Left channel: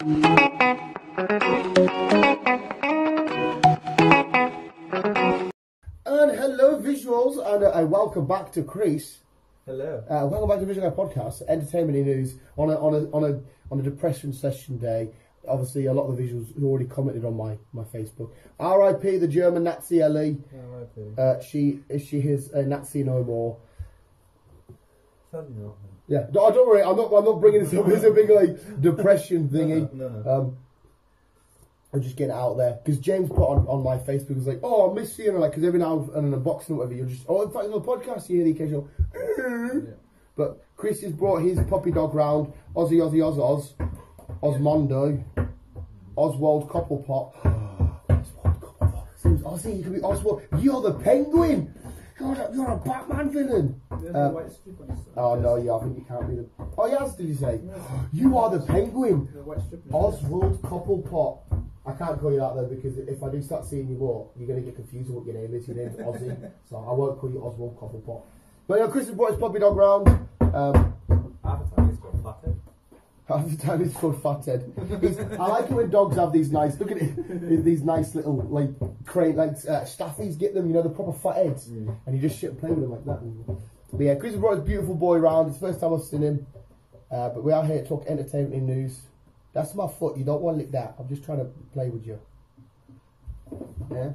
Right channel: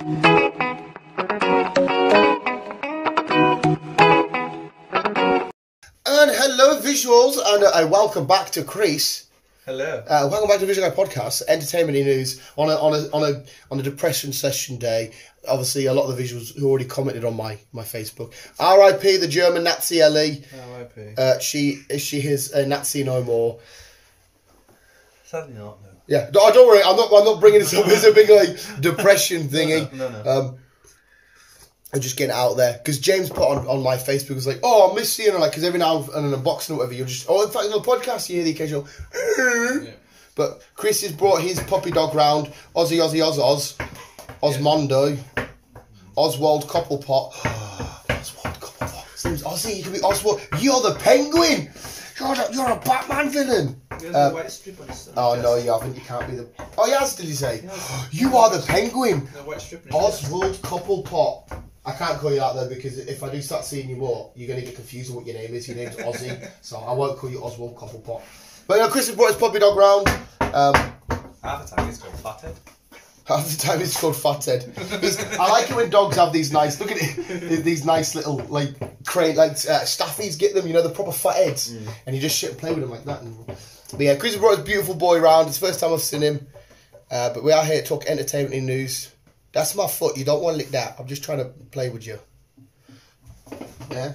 And hello, visuals, and welcome back to Crease. Hello. Welcome back to Visual Guy Podcast, entertainment news on a depression session day. Obviously, a lot of the visuals who already commented on my Facebook. R.I.P. the German Nazi Ellie. R.I.P. She is a Nazi no more. Sadly not. No. Yeah, don't worry. I'm not bringing this up as a big like depression thingy. No. I'm just getting it out there because James put on my Facebook was like, "Oh, I miss you," like because every now and then unboxing or whatever, you're just in fact on the podcast you hear the occasional. Yeah. But Chris has brought his puppy dog round, Osmondo, Oswald Copplepot. Oswald Copplepot. Seems Ozzy. You could be Oswald. You're the Penguin. You're a Batman villain. A white strip on his no, you haven't. You can't be the. Oh, yes. Did he say? You are the Penguin. White strip Oswald Copplepot. I can't call you out though because if I do start seeing you more, you're going to get confused on what your name is. Your name's Ozzy, so I won't call you Oswald Copplepot. But Chris has brought his puppy dog round. Half the time it's called Fathead. Half the time it's called Fathead. I like it when dogs have these nice. Look at it, these nice little like staffies. Get them, the proper fat heads, and you just sit and play with them like that. But yeah, Chris has brought his beautiful boy round. It's the first time I've seen him. But we are here to talk entertainment and news. That's my foot. You don't want to lick that. I'm just trying to play with you. Yeah.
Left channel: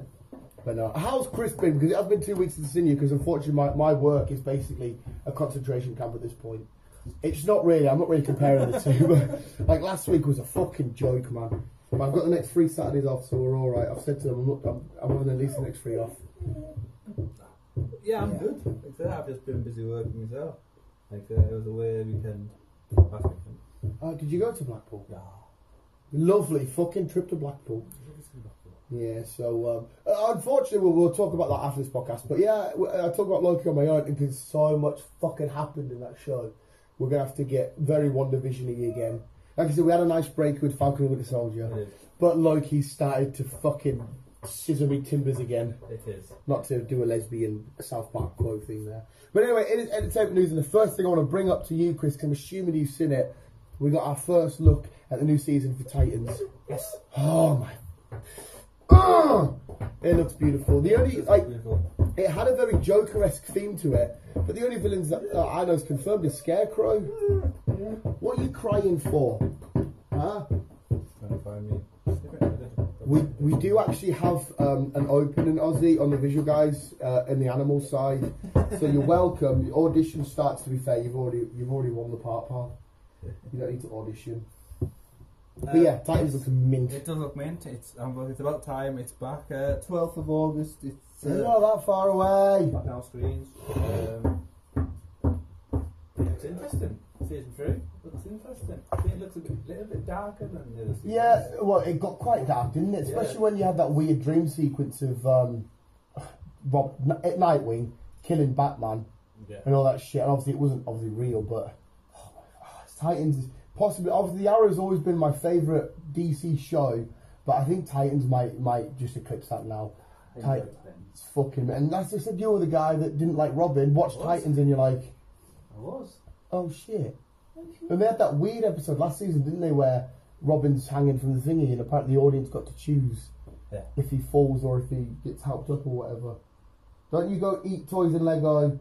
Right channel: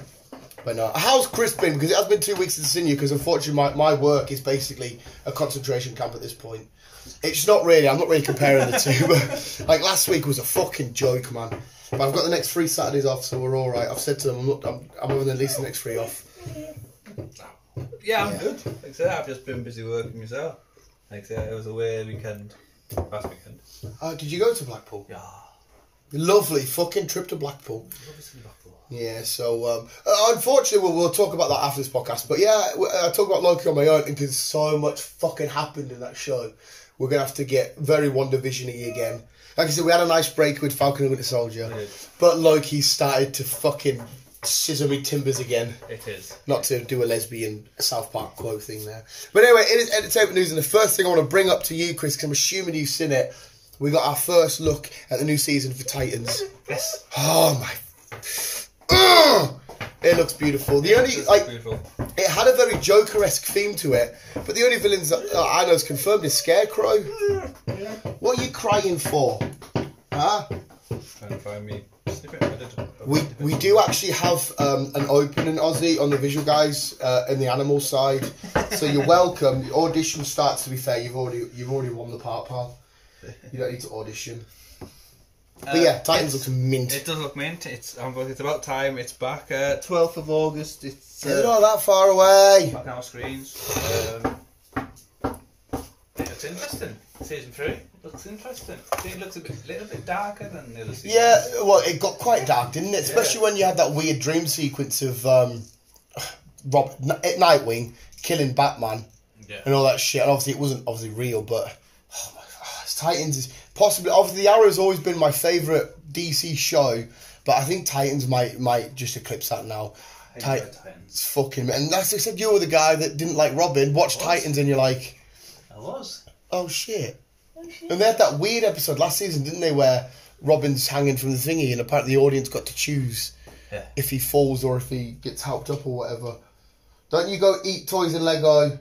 But no. How's Chris been? Because it has been 2 weeks since I've seen you. Because unfortunately, my work is basically a concentration camp at this point. It's not really. I'm not really comparing the two. But like last week was a fucking joke, man. But I've got the next 3 Saturdays off, so we're all right. I've said to them, I'm having at least the next 3 off. Yeah, I'm good. Like I said, I've just been busy working myself. Like I said, it was away weekend. Last weekend. Did you go to Blackpool? Yeah. Lovely fucking trip to Blackpool. Yeah, so unfortunately we'll talk about that after this podcast. But yeah, I talk about Loki on my own because so much fucking happened in that show. We're gonna have to get very WandaVision-y again. Like I said, we had a nice break with Falcon and Winter Soldier, but Loki started to fucking scissor me timbers again. It is. Not to do a lesbian South Park quote thing there. But anyway, it is entertainment news, and the first thing I want to bring up to you, Chris, because I'm assuming you've seen it, we got our first look at the new season for Titans. Yes. Oh my. It looks beautiful. Beautiful. It had a very Joker-esque theme to it, but the only villains that I know is confirmed is Scarecrow. What are you crying for? Huh? Trying to find me. We do actually have an opening, Ozzy, on the Visual Guys in the animal side. So you're welcome. The audition starts, to be fair. You've already won the part, pal. You don't need to audition. But yeah, Titans looks mint. It does look mint. It's about time. It's back 12th of August. It's not that far away. Back on our screens. It's interesting. Season 3 looks interesting. I think it looks a little bit darker than the other seasons. Yeah, well, it got quite dark, didn't it? Especially when you had that weird dream sequence of Nightwing killing Batman and all that shit. And obviously, it wasn't real, but oh my God, Titans is possibly. Obviously, the Arrow's always been my favourite DC show, but I think Titans might just eclipse that now. Titans, fucking, and that's I said you were the guy that didn't like Robin. Watched Titans, and you're like, I was. Oh shit. And they had that weird episode last season, didn't they, where Robin's hanging from the thingy and apparently the audience got to choose if he falls or if he gets helped up or whatever. Don't you go eat toys and Lego?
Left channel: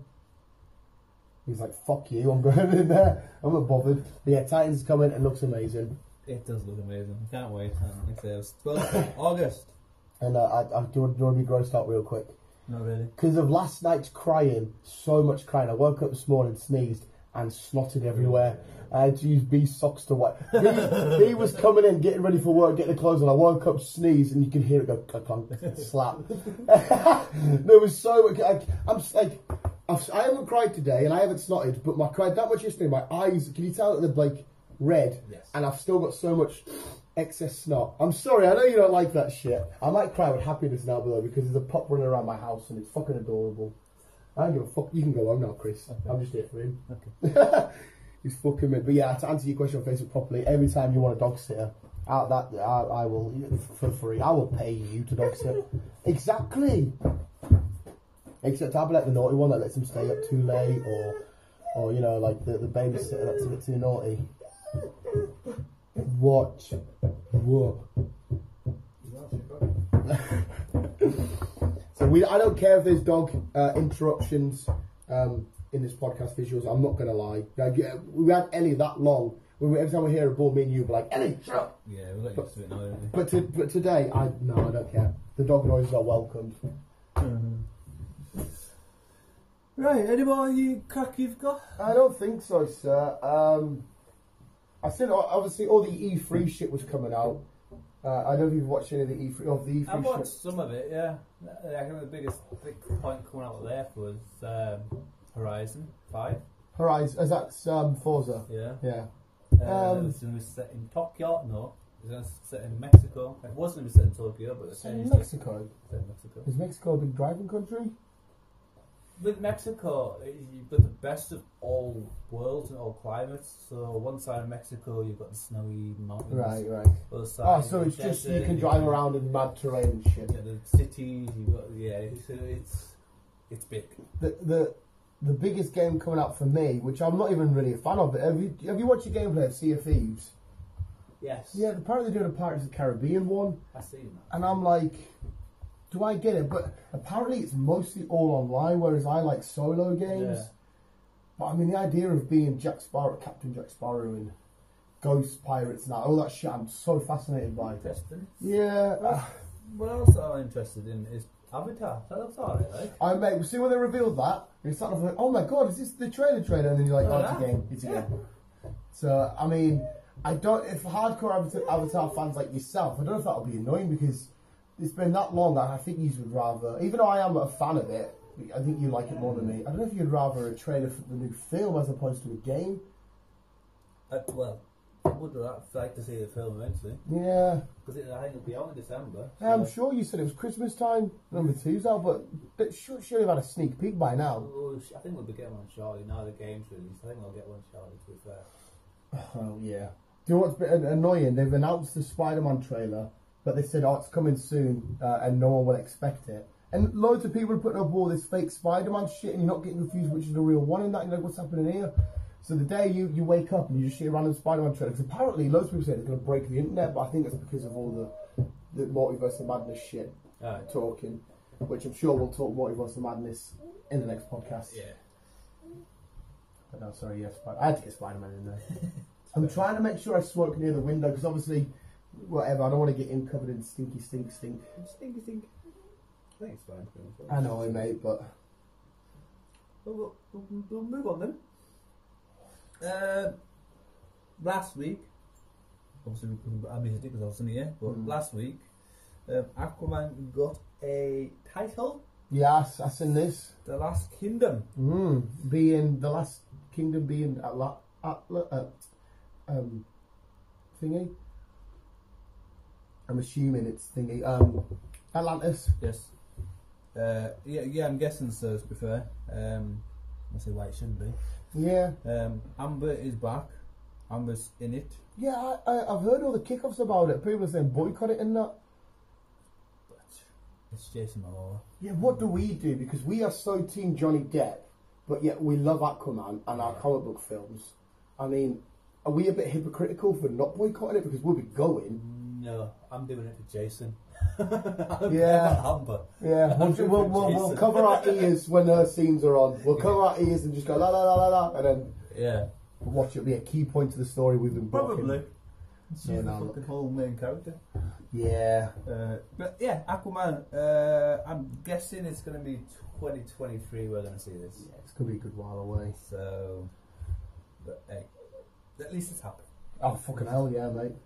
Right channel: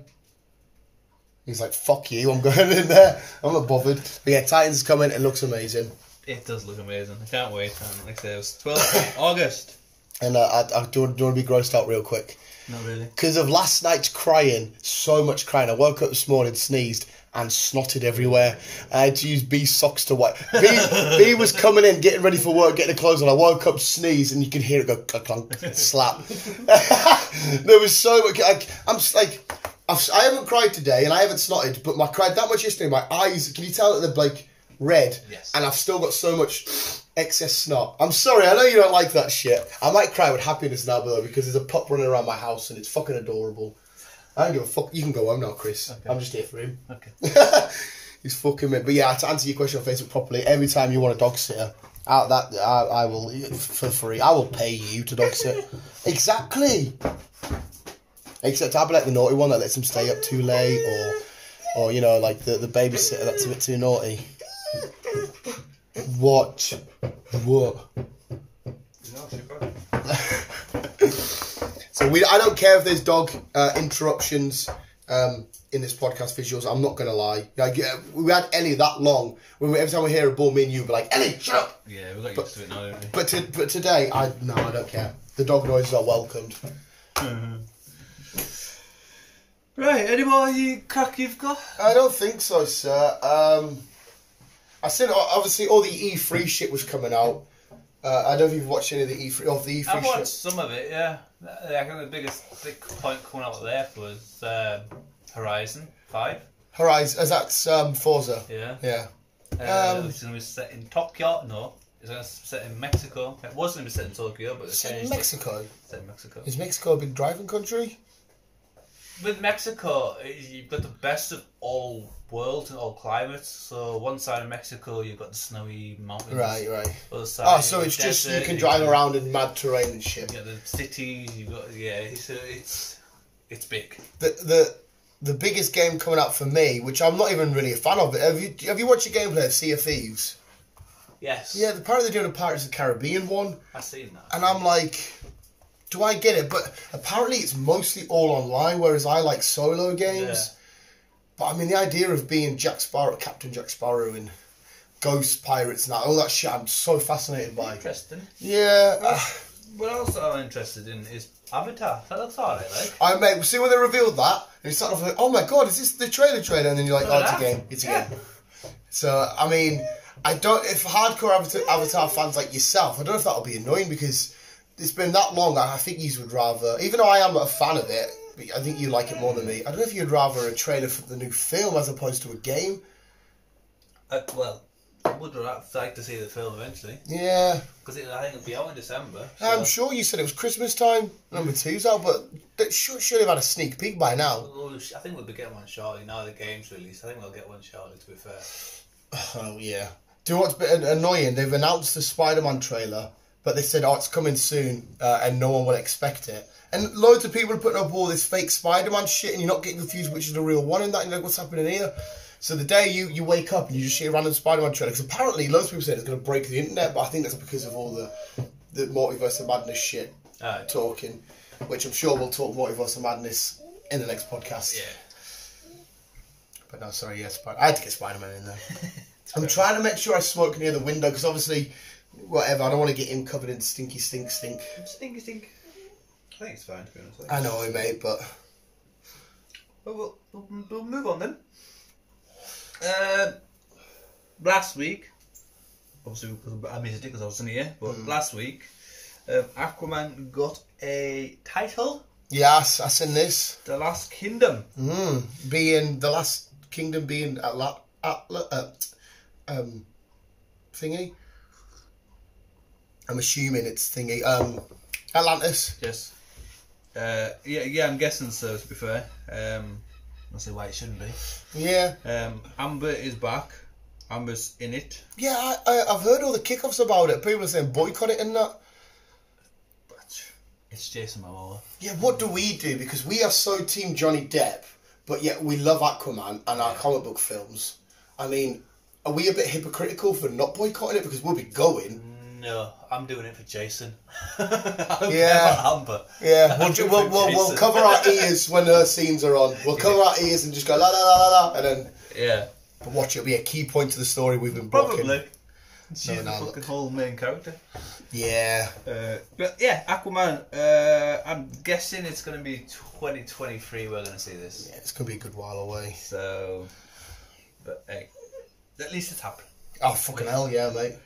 He's like, fuck you, I'm going in there. I'm not bothered. But yeah, Titans is coming, it looks amazing. It does look amazing. I can't wait. And like I said, it was 12th of August. And I don't want to be grossed out real quick. No, really. Because of last night's crying, so much crying. I woke up this morning, sneezed, and snotted everywhere. I had to use B's socks to wipe. B was coming in, getting ready for work, getting the clothes on. I woke up, sneezed, and you could hear it go clunk, clunk, slap. There was so much. I'm just like, I haven't cried today, and I haven't snotted, but I cried that much yesterday. My eyes, can you tell that they're like red? Yes. And I've still got so much excess snot. I'm sorry, I know you don't like that shit. I might cry with happiness now, though, because there's a pup running around my house, and it's fucking adorable. I don't give a fuck. You can go home now, Chris. Okay. I'm just here for him. Okay. He's fucking me. But yeah, to answer your question on Facebook properly, every time you want a dog sitter, I will, for free, I will pay you to dog sit. Exactly. Except I'll be like the naughty one that lets him stay up too late, or you know, like the babysitter that's a bit too naughty. What? So I don't care if there's dog interruptions in this podcast visuals. I'm not gonna lie. Like, we had Ellie that long. Every time we hear a ball, me and you be like, Ellie, shut up. Yeah, we got used to it now, don't we? But today, I don't care. The dog noises are welcomed. Right, any more crack you've got? I don't think so, sir. I said obviously all the E3 shit was coming out. I don't know if you've watched any of the E3 shit. I've watched some of it, yeah. I think the biggest point coming out there was Horizon 5. Horizon, as that's Forza. Yeah. Yeah. It's going to be set in Tokyo. No, it's going to be set in Mexico. It was going to be set in Tokyo, but It's in Mexico. Set in Mexico. Is Mexico a big driving country? With Mexico, you've got the best of all worlds and all climates. So one side of Mexico, you've got the snowy mountains. Right. Other side, So it's just you can drive around in mad terrain and shit. Yeah, the cities. You've got it's big. The biggest game coming out for me, which I'm not even really a fan of, have you watched your gameplay of Sea of Thieves? Yes. Yeah, apparently they're doing a Pirates of the Caribbean one. I've seen that. And I'm like, do I get it? But apparently it's mostly all online, whereas I like solo games. Yeah. But I mean, the idea of being Jack Sparrow, Captain Jack Sparrow, and Ghost Pirates and all that shit, I'm so fascinated by. Interesting. Yeah. What else I'm interested in is Avatar. That looks alright, like. Mate, see when they revealed that, and it's sort of like, oh my god, is this the trailer? And then you're like, it's a game. It's a game. So, I mean, if hardcore Avatar fans like yourself, I don't know if that'll be annoying because it's been that long. I think you would rather, even though I am a fan of it, I think you like it more than me. I don't know if you'd rather a trailer for the new film as opposed to a game. Well, I would like to see the film eventually. Yeah. Because I think it'll be out in December. So. I'm sure you said it was Christmas time. Number 2's out, but they should have had a sneak peek by now. Well, I think we'll be getting one shortly. Now the game's released, I think we'll get one shortly, to be fair. Oh, yeah. Do you know what's a bit annoying? They've announced the Spider-Man trailer, but they said, it's coming soon, and no one will expect it. And loads of people are putting up all this fake Spider-Man shit, and you're not getting confused which is the real one in that. You're like, what's happening here? So the day you wake up and you just see a random Spider-Man trailer, because apparently loads of people say it's going to break the internet, but I think that's because of all the Multiverse of Madness shit talking, which I'm sure we'll talk Multiverse of Madness in the next podcast. Yeah. But no, sorry, yes, I had to get Spider-Man in there. I'm trying to make sure I smoke near the window, because obviously, whatever, I don't want to get him covered in stinky stink. Stinky stink. I think it's fine, to be honest. I know, mate, but... Well, we'll move on then. Last week, obviously I missed it because I wasn't here, but last week, Aquaman got a title. Yes, I seen this. The Last Kingdom. Being the Last Kingdom being thingy. I'm assuming it's thingy. Atlantis. Yes. Yeah, I'm guessing so, to be fair. I'll say why it shouldn't be. Yeah. Amber is back. Amber's in it. Yeah, I've heard all the kickoffs about it. People are saying boycott it and that. But it's Jason Momoa. Yeah, what do we do? Because we are so team Johnny Depp, but yet we love Aquaman and our comic book films. I mean, are we a bit hypocritical for not boycotting it? Because we'll be going. No, I'm doing it for Jason. Yeah. Amber. Yeah, we'll cover our ears when her scenes are on. We'll cover our ears and just go la la la la la, and then watch it be a key point to the story we've been blocking. Probably. She's the fucking whole main character. Yeah. But yeah, Aquaman. I'm guessing it's going to be 2023. We're going to see this. Yeah, it's going to be a good while away. So, but hey, at least it's happening. Oh fucking hell, yeah, mate.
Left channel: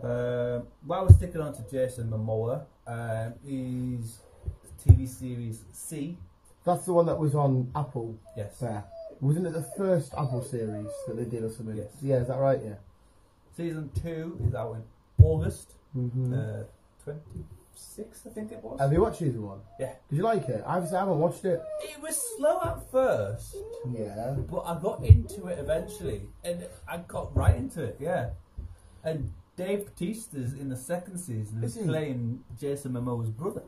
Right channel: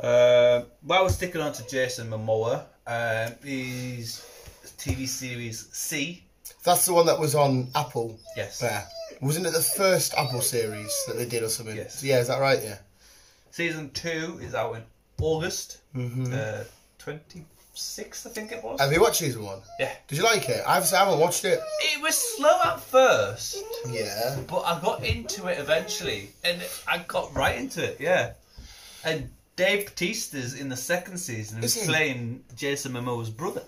While we're sticking on to Jason Momoa, his TV series C. That's the one that was on Apple. Yes. There. Wasn't it the first Apple series that they did or something? Yes. Yeah, is that right? Yeah. Season 2 is out in August. 26th, I think it was. Have you watched season 1? Yeah. Did you like it? I haven't watched it. It was slow at first. Yeah. But I got into it eventually. And I got right into it, yeah. And Dave Bautista's in the second season who's playing Jason Momoa's brother.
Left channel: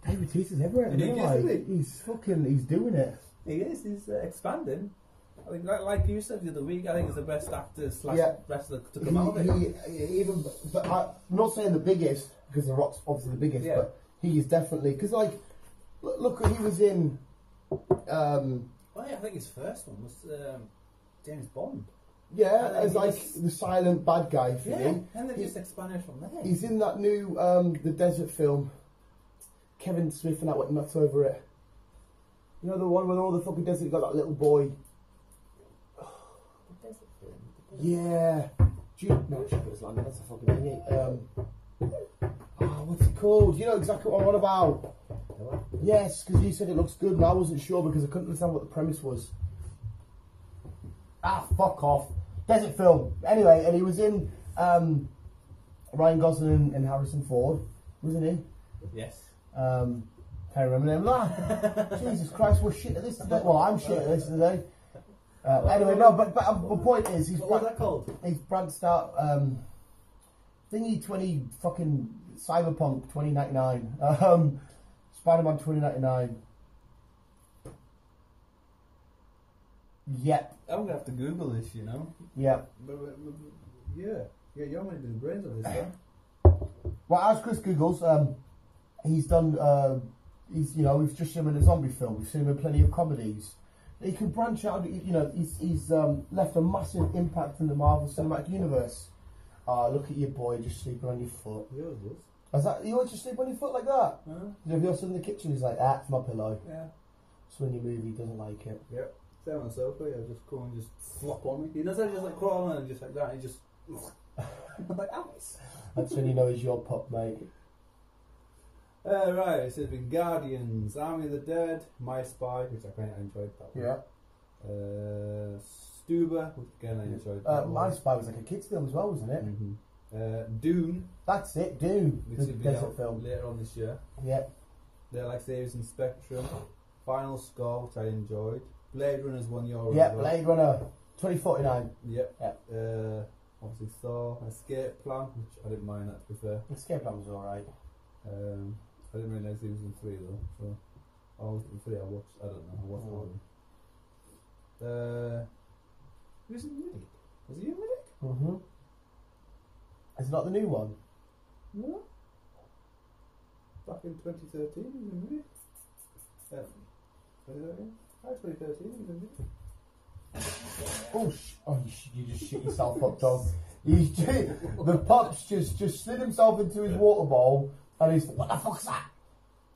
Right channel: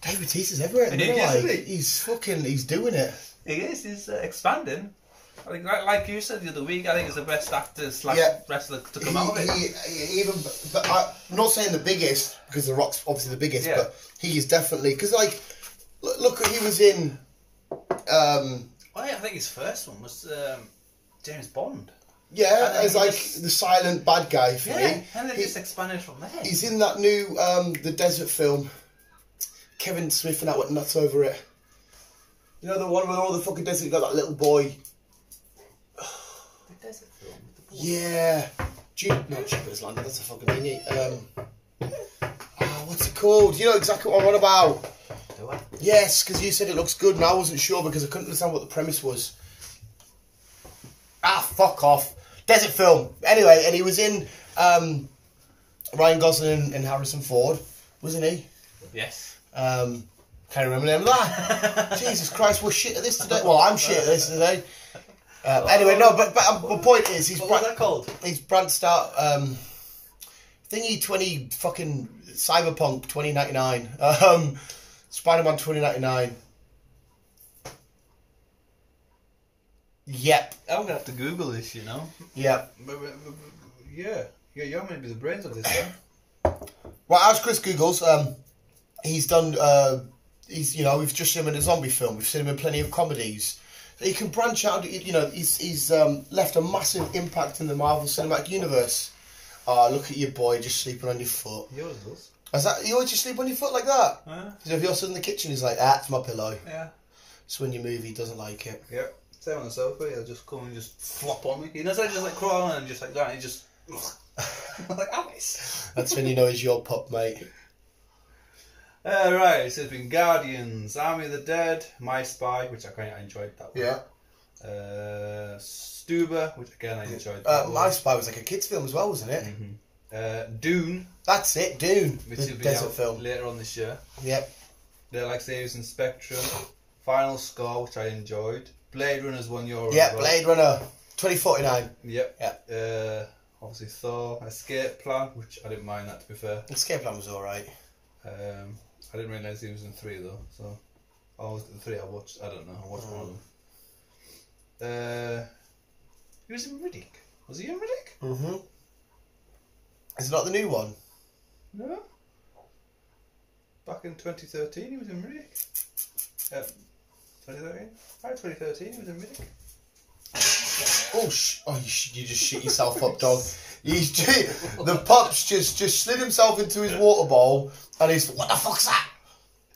Dave Bautista's everywhere. He's doing it. He is, he's expanding. I think, like you said the other week, I think it's the best actor slash wrestler to come out of it. But I'm not saying the biggest, because The Rock's obviously the biggest, but he is definitely, because like, look, he was in. I think his first one was James Bond. Yeah, as like the silent bad guy for me. And then just expanded from there. He's in that new the desert film. Kevin Smith and that went nuts over it. You know the one where all the fucking desert got that little boy. The desert film. Yeah, not Jupiter's Land. That's a fucking thingy. What's it called? You know exactly what I'm on about. Do I? Yes, because you said it looks good, and I wasn't sure because I couldn't understand what the premise was. Fuck off. Desert film. Anyway, and he was in Ryan Gosling and Harrison Ford, wasn't he? Yes. Can't remember the name of that. Jesus Christ, we're shit at this today. Well, I'm shit at this today. Anyway, no, but the point is, he's what was that called? He's branched out. Thingy 20 fucking Cyberpunk 2099. Spider-Man 2099. Yep. I'm gonna have to Google this, you know. Yeah. But yeah, you're meant to be the brains of this, huh? Well, as Chris Googles, he's done. We've just seen him in a zombie film. We've seen him in plenty of comedies. He can branch out. You know, he's left a massive impact in the Marvel Cinematic Universe. Look at your boy just sleeping on your foot. He always does. Is that you always just sleep on your foot like that? Yeah. So if you're sitting in the kitchen, he's like, "It's my pillow." Yeah. So when you move, he doesn't like it. Yeah. Stay on the sofa. He'll just come and just flop on me. He doesn't just like crawl on and just like that. He just. I'm like, Alice. That's when you know he's your pup, mate. Right. So it's been Guardians, Army of the Dead, My Spy, which I kind of enjoyed that one. Yeah. Stuber, which again I enjoyed. That My Spy was like a kids' film as well, wasn't it? Mm-hmm. Dune. That's it, Dune. Which the will be desert out film. later on this year. Yep. Like Saves and Spectrum. Final Score, which I enjoyed. Blade Runner's one year. Yeah, Blade Runner 2049. Yep. Yeah. Obviously Thor. Escape Plan, which I didn't mind that, to be fair. Escape Plan was alright. I didn't realise he was in 3 though, so the 3 I watched. I don't know. I watched one of them. He was in Riddick. Was he in Riddick? Mm-hmm. Is it not the new one? No. Back in 2013, he was in Riddick. 2013. Right, 2013, he was in Riddick. You just shit yourself up, dog. The pup's just slid himself into his water bowl, and he's, what the fuck's that?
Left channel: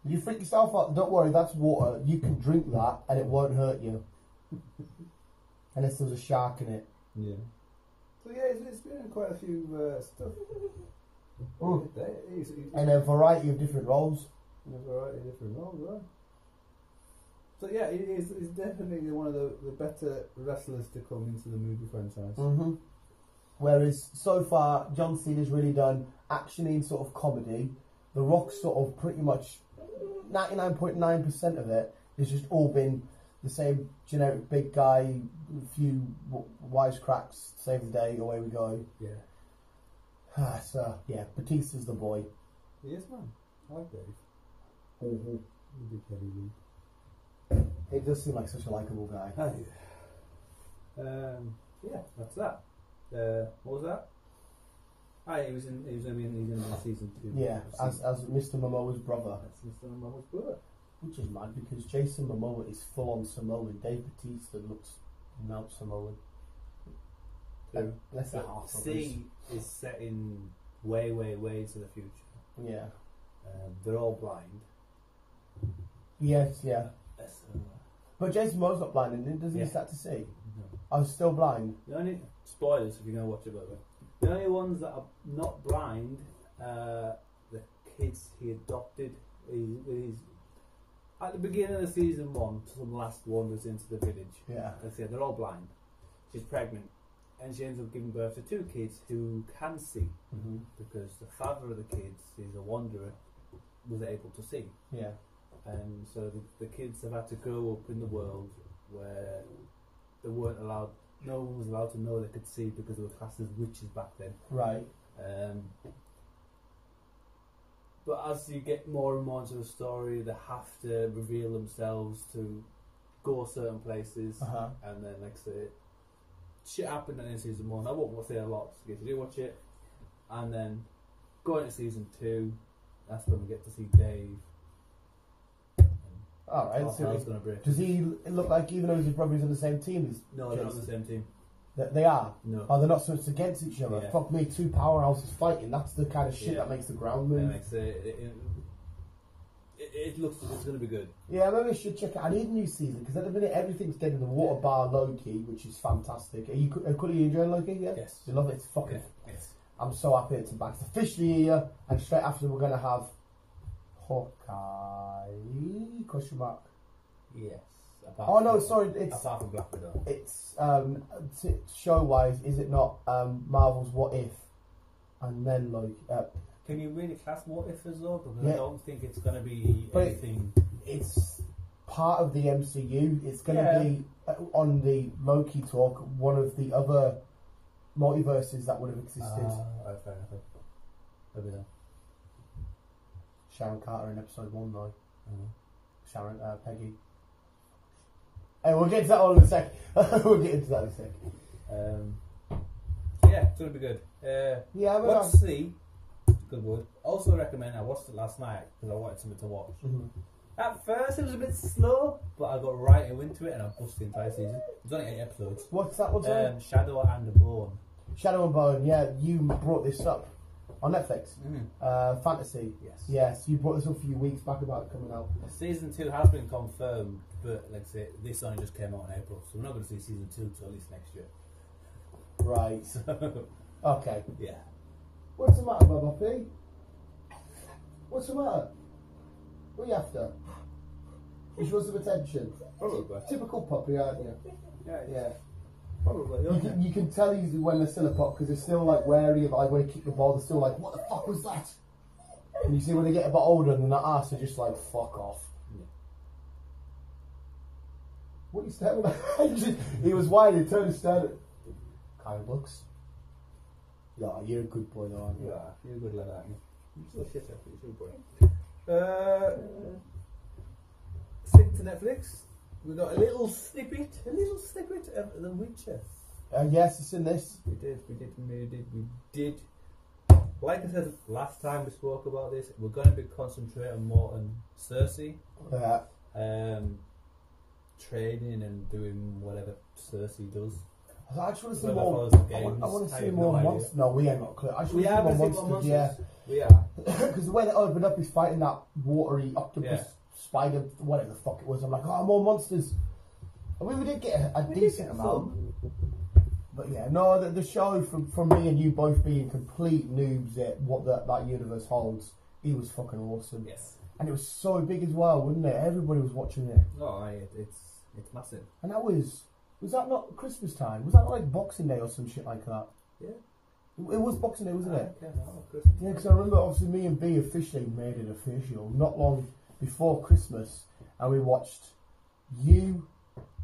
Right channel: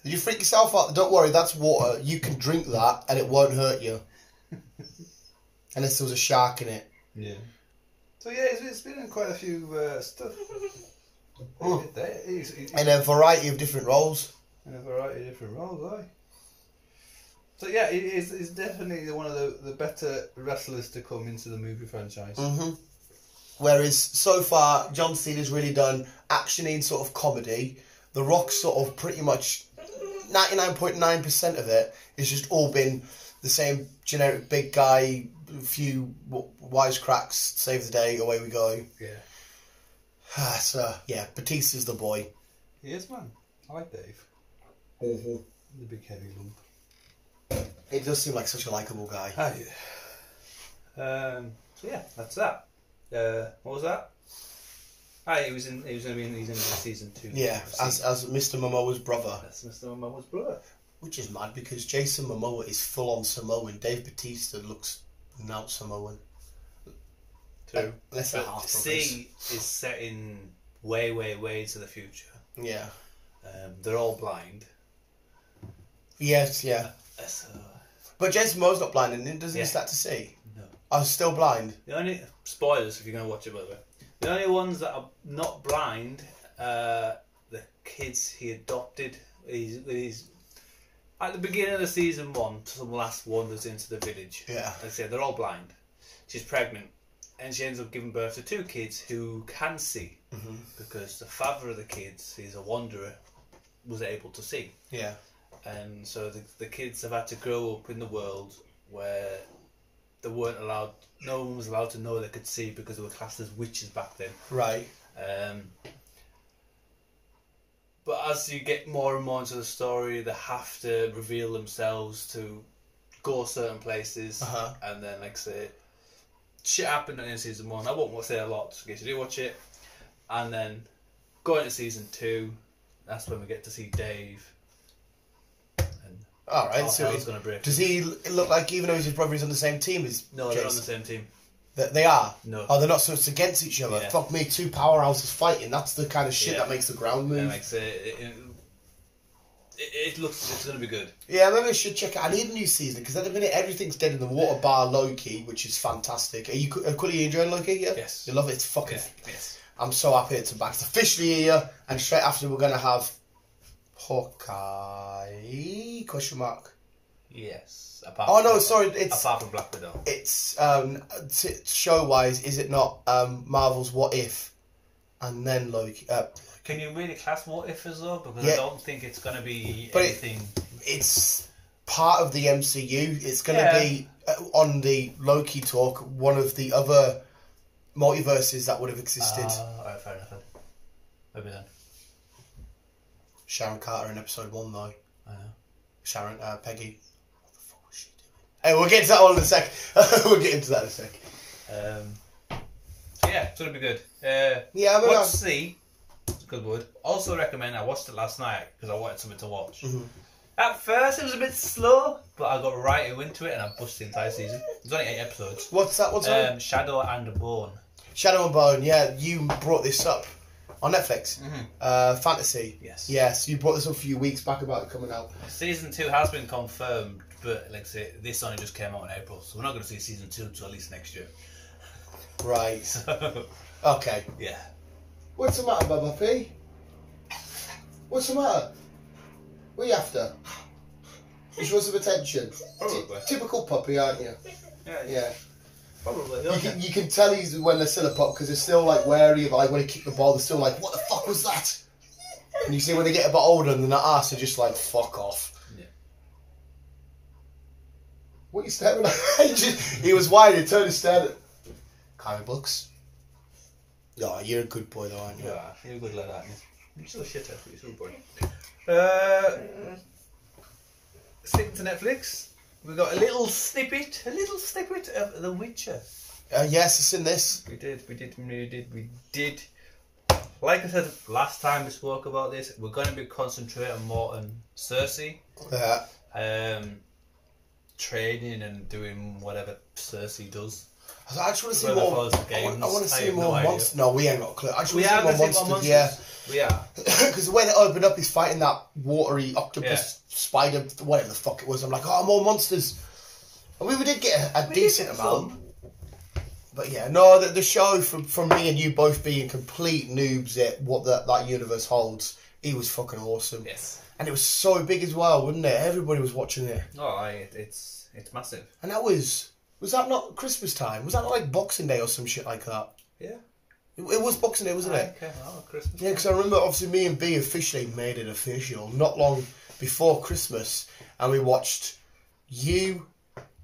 Did you freak yourself out? Don't worry, that's water. You can drink that, and it won't hurt you. Unless there was a shark in it. Yeah. So yeah, it's been in quite a few stuff. In a variety of different roles. Aye. So yeah, it's definitely one of the better wrestlers to come into the movie franchise. Mm-hmm. Whereas so far, John Cena's really done action-y sort of comedy. The Rock's sort of pretty much 99.9% of it has just all been the same generic big guy, a few wisecracks, save the day, away we go. Yeah. So yeah, Batista's the boy. He is, man. I like Dave. Mm-hmm. The big heavy lump. He does seem like such a likeable guy. Oh, yeah. So yeah, that's that. What was that? He's going to be in season 2. Yeah, as Mr. Momoa's brother. That's Mr. Momoa's brother. Which is mad because Jason Momoa is full on Samoan. Dave Bautista looks not Samoan. True. Less than half. C is set in way into the future. Yeah. They're all blind. Yes, yeah. So, but Jason Momoa's not blind, and doesn't he start to see? No. I was still blind. The only spoilers if you're going to watch it, by the way. The only ones that are not blind, the kids he adopted. He's at the beginning of the season 1, some last wanders into the village. Yeah. Like I said, they're all blind. She's pregnant, and she ends up giving birth to 2 kids who can see, because the father of the kids is a wanderer, was able to see. Yeah. And so the kids have had to grow up in the world where they weren't allowed. No one was allowed to know they could see because they were classed as witches back then. Right. But as you get more and more into the story, they have to reveal themselves to go certain places, and then like say, shit happened in season 1. I won't say a lot in case you do watch it, and then going into season 2, that's when we get to see Dave. All right, so he's gonna break. Does he look like, even though his brother is on the same team as No, they're not on the same team. They are? No. Oh, they're not, so it's against each other. Yeah. Fuck me, 2 powerhouses fighting. That's the kind of shit that makes the ground move. Yeah, like say, it looks, it's gonna be good. Yeah, maybe I should check it. I need a new season, because at the minute everything's dead in the water bar Loki, which is fantastic. Are you enjoying Loki? Yeah? Yes. You love it? It's fucking... Yeah. Yes. I'm so happy it's back. It's officially here, and straight after we're going to have Hawkeye? Question mark. Yes. Apart from Black Widow. It's show-wise, is it not Marvel's What If, and then Loki? Can you really class What If as well? Because I don't think it's going to be anything. It's part of the MCU. It's going to be on the Loki talk, one of the other multiverses that would have existed. Alright, fair enough. Maybe then. Sharon Carter in episode 1, though. I know. Sharon, Peggy. What the fuck was she doing? Hey, we'll get to that one in a sec. We'll get into that in a sec. Yeah, it's going to be good. Yeah, watch See. It's a good word. Also recommend, I watched it last night because I wanted something to watch. Mm-hmm. At first it was a bit slow, but I got right into it and I pushed the entire season. There's only 8 episodes. What's that? What's that? Shadow and Bone. Shadow and Bone, yeah. You brought this up on Netflix. Mm-hmm. Fantasy. Yes. Yes, you brought this up a few weeks back about it coming out. Season 2 has been confirmed, but like I say, this only just came out in April, so we're not going to see season 2 until at least next year. Right. Okay. Yeah. What's the matter, Baba P? What's the matter? What are you after? You just want some attention? Probably. Typical puppy, aren't you? Yeah. Probably. You can tell he's when they're still a pup, because they're still like wary of, like when he kicked the ball, they're still like, what the fuck was that? And you see when they get a bit older and they're not asked, they're just like, fuck off. Yeah. What are you staring at? He was wide, he turned and stared at comic books. No, you're a good boy though, aren't you? Yeah, you're a good lad, aren't you? You're still a shitter, but you're still a boy. Sticking to Netflix, we got a little snippet of The Witcher. Yes, it's in this. We did. Like I said last time we spoke about this, we're going to be concentrating more on Cersei. Training and doing whatever Cersei does. I just want to see Whoever more. follows the games, I want to see have more no idea. monsters. No, we ain't got a clue. I just We want are to see going to more see more monsters. monsters. Yeah. We are. Because the way they opened up, he's fighting that watery octopus, spider, whatever the fuck it was. I'm like, oh, more monsters. And we did get a decent amount. But yeah, no, the show, from me and you both being complete noobs at what that universe holds, it was fucking awesome. Yes. And it was so big as well, wasn't it? Everybody was watching it. Oh, it's massive. And that was that not Christmas time? Was that not like Boxing Day or some shit like that? Yeah. It was Boxing Day, wasn't it? Okay, well, Christmas. Yeah, because I remember obviously me and B officially made it official not long before Christmas, and we watched You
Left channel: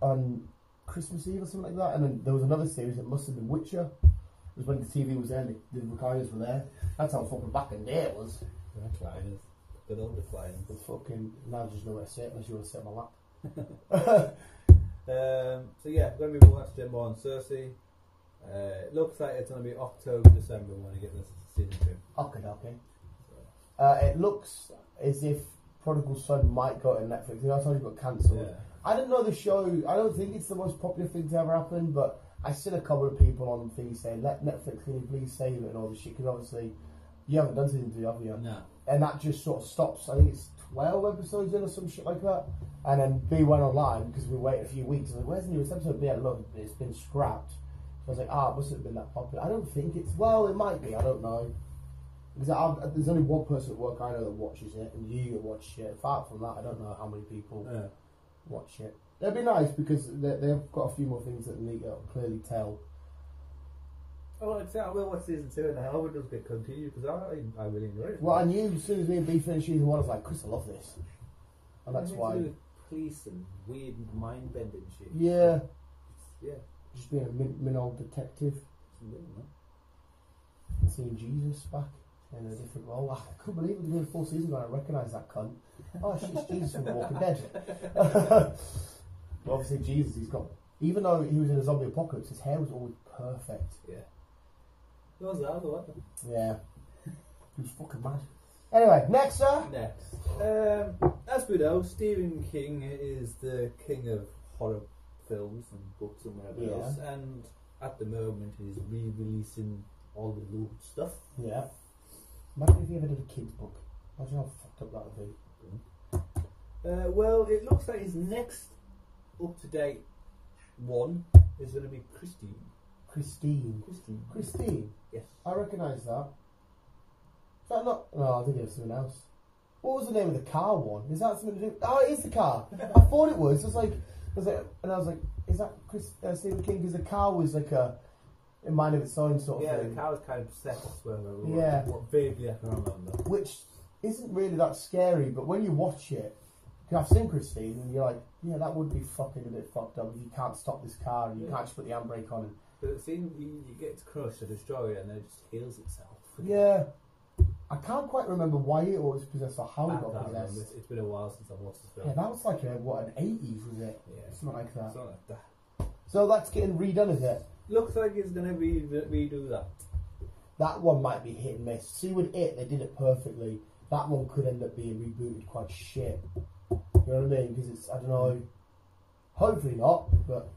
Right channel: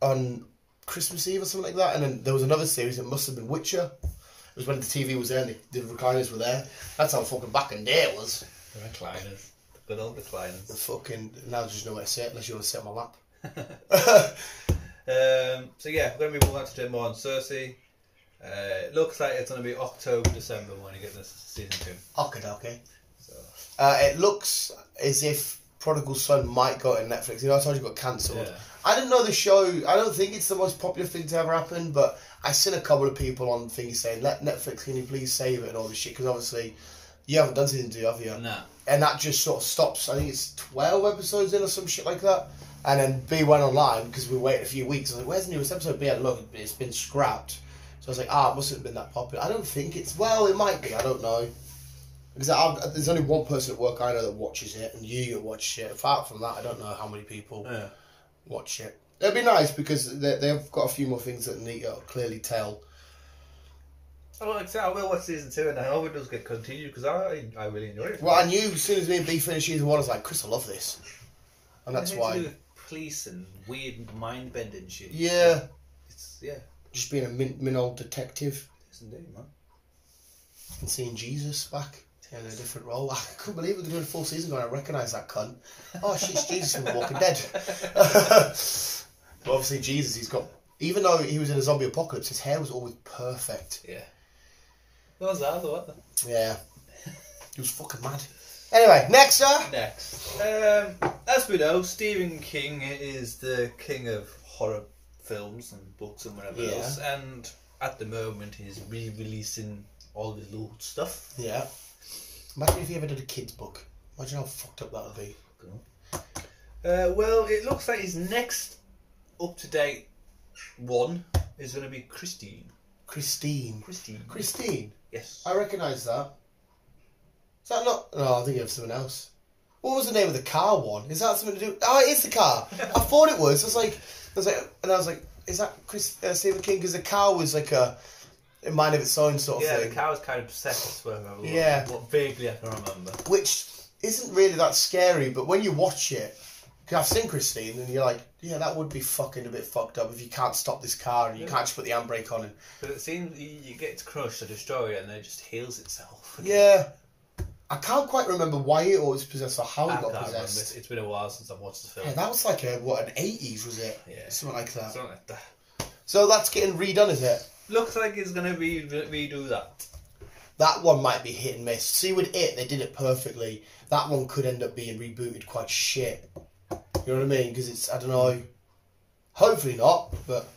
on Christmas Eve or something like that, and then there was another series, it must have been Witcher. It was when the TV was there and the recliners were there. That's how fucking back in day it was. The recliners. The good old recliners. The fucking, now there's just nowhere to sit unless you want to sit on my lap. So yeah, we're going to be moving on to do more on Cersei. It looks like it's going to be October, December when you get this season 2. Okay. So. It looks as if Prodigal Son might go to Netflix. You know, I told you it got cancelled. Yeah. I didn't know the show. I don't think it's the most popular thing to ever happen, but I seen a couple of people on things saying, "Let Netflix, can you please save it?" and all this shit, because obviously you haven't done season 2, have you? No. And that just sort of stops. I think it's 12 episodes in or some shit like that. And then B went online because we waited a few weeks. I was like, "Where's the newest episode?" B had look, it's been scrapped. So I was like, it mustn't have been that popular. I don't think it's, well, it might be, I don't know. Because there's only one person at work I know that watches it, and you watch it. Apart from that, I don't know how many people watch it. It'd be nice because they've got a few more things that need to clearly tell. I will watch season 2, and I hope it does get continued because I really enjoy it. Well, I knew as soon as me and B finished season 1, I was like, Chris, I love this. And that's why. To do with police and weird mind bending shit. Yeah. Yeah. Just being a min old detective. Yes, indeed, man. And seeing Jesus back in a different role. I couldn't believe it. They're doing a full season going, I recognise that cunt. Oh, shit, it's Jesus from The Walking Dead. But obviously, Jesus, he's got. Even though he was in a zombie apocalypse, his hair was always perfect. Yeah. What was that? What? Yeah. He was fucking mad. Anyway, next, sir. Next. As we know, Stephen King is the king of horror films and books and whatever else. And at the moment, he's re-releasing all his little stuff. Yeah. Imagine if he ever did a kid's book. Imagine how fucked up that would be. Well, it looks like his next up-to-date one is going to be Christine. Christine? Yes. I recognise that. Is that not... No, I think it was someone else. What was the name of the car one? Is that something to do... Oh, it is the car. I thought it was. I was like, is that Stephen King? Because the car was like a mind of its own sort of thing. Yeah, the car was kind of possessed. What vaguely I can remember. Which isn't really that scary, but when you watch it... Because I've seen Christine, and you're like, yeah, that would be fucking a bit fucked up if you can't stop this car and you can't just put the handbrake on. But it seems you get to crush or destroy it and then it just heals itself. Yeah. I can't quite remember why it was possessed or how it got possessed. Remember. It's been a while since I've watched the film. Yeah, that was like an 80s, was it? Yeah. Something like that. Something like that. So that's getting redone, is it? Looks like it's going to redo that. That one might be hit and miss. See, with it, they did it perfectly. That one could end up being rebooted quite shit. You know what I mean? Because it's, I don't know. Hopefully not, but...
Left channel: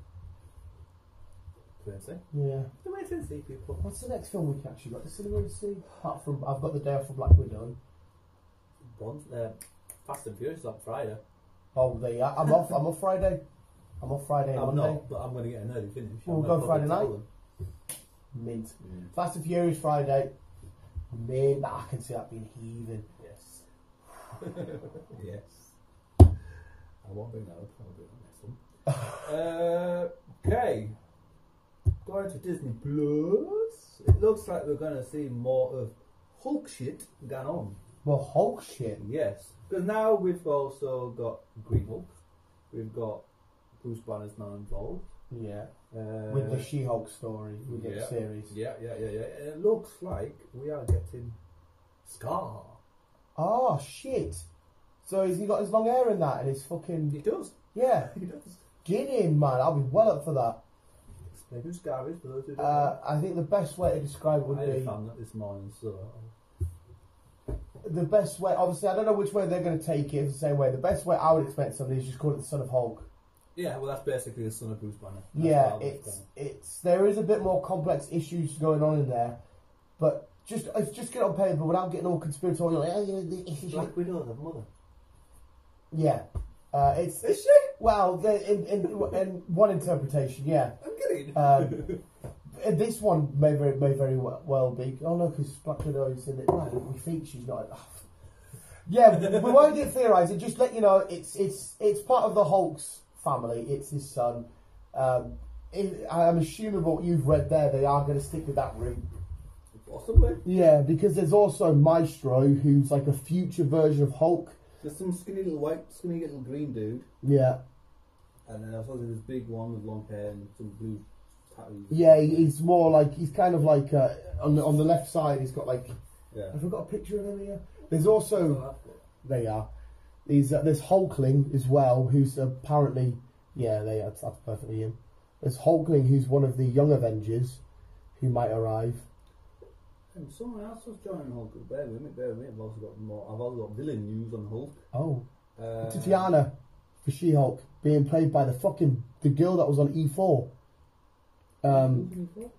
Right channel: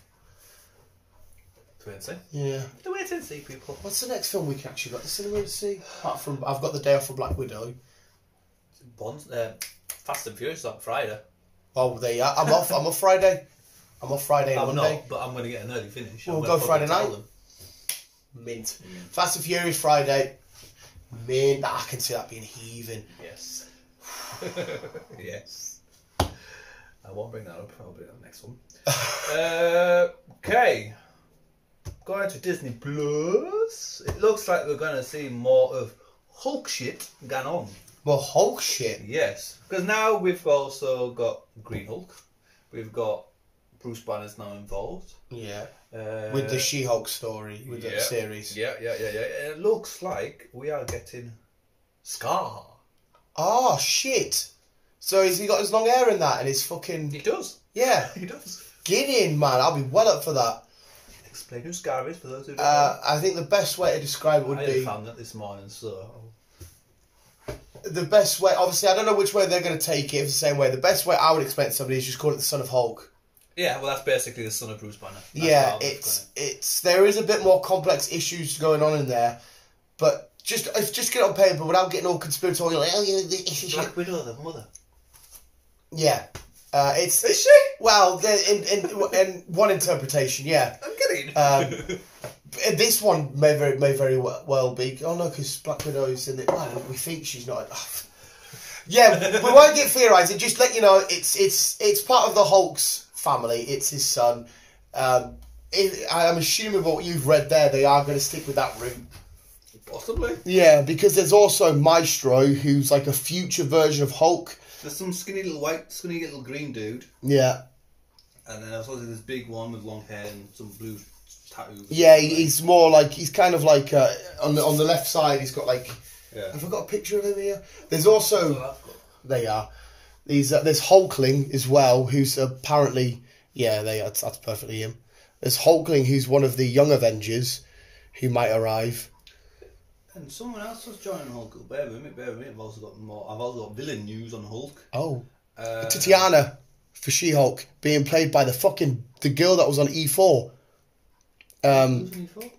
Wait and see. Yeah. Wait and see, people. What's the next film we can actually got to cinema to see? Apart from, I've got the day off for Black Widow. Fast and Furious on Friday. Oh, there you are. I'm off Friday. I'm off Friday and Monday. Not, but I'm going to get an early finish. We'll go Friday night. Mint. Fast and Furious Friday. Mint. I can see that being heaving. Yes. Yes. I won't bring that up. I'll bring that next one. Okay. Going to Disney Plus. It looks like we're going to see more of Hulk shit going on. More Hulk shit? Yes. Because now we've also got Green Hulk. We've got Bruce Banner's now involved. Yeah. With the She-Hulk story, with the series. Yeah. And it looks like we are getting Scar. Oh, shit. So has he got his long hair in that and his fucking... He does. Yeah. He does. Get in, man. I'll be well up for that. Explain who Scar is for those who don't know. I think the best way to describe it would be... I found that this morning, so... The best way... Obviously, I don't know which way they're going to take it. It's the same way. The best way I would explain to somebody is just call it the Son of Hulk. Yeah, well, that's basically the son of Bruce Banner. There is a bit more complex issues going on in there, but just get it on paper without getting all conspiratorial. Black Widow, the mother. Yeah. Is she? Well, in one interpretation, yeah. I'm kidding. This one may very well be. Oh no, because Black Widow is in it. Well, we think she's not. Yeah, we won't get theorising. Just let you know, it's part of the Hulk's family. It's his son. I'm assuming what you've read there, they are going to stick with that route. Possibly. Yeah, because there's also Maestro, who's like a future version of Hulk. There's some skinny little green dude. Yeah. And then there's also this big one with long hair and some blue tattoos. Yeah, he's more like, he's kind of like, on the left side, he's got like, have I got a picture of him here? There's also, there you are. There's Hulkling as well, who's apparently, that's perfectly him. There's Hulkling, who's one of the young Avengers, who might arrive. And someone else was joining Hulk. Bear with me. I've also got villain news on Hulk. Oh. Tatiana for She-Hulk being played by the girl that was on E4. Who's on E4?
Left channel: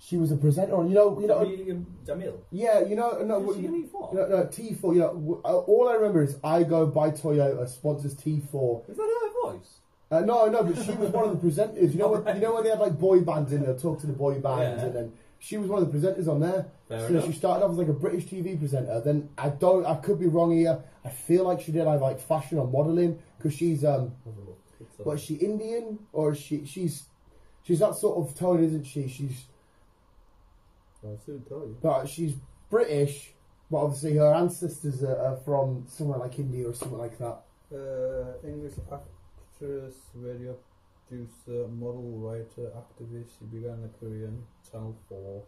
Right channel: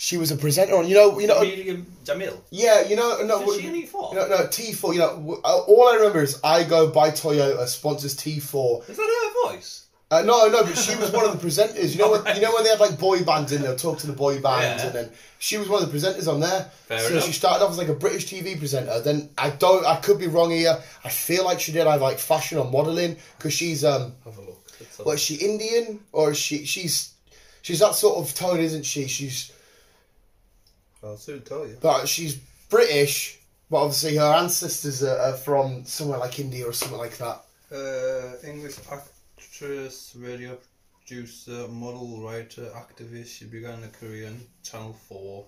She was a presenter on, Jamil. Yeah, Is she on E4? No, T4. All I remember is I Go by Toyota sponsors T4. Is that her voice? No, but she was one of the presenters. You know when they had like boy bands in there, talk to the boy bands, and then she was one of the presenters on there. Fair enough. She started off as like a British TV presenter. Then I could be wrong here. I feel like she did either like fashion or modelling because she's Have a look. What is she, Indian or is she's that sort of tone, isn't she? I'll soon tell you. But she's British, but obviously her ancestors are from somewhere like India or something like that. English actress, radio producer, model, writer, activist. She began her career on Channel 4,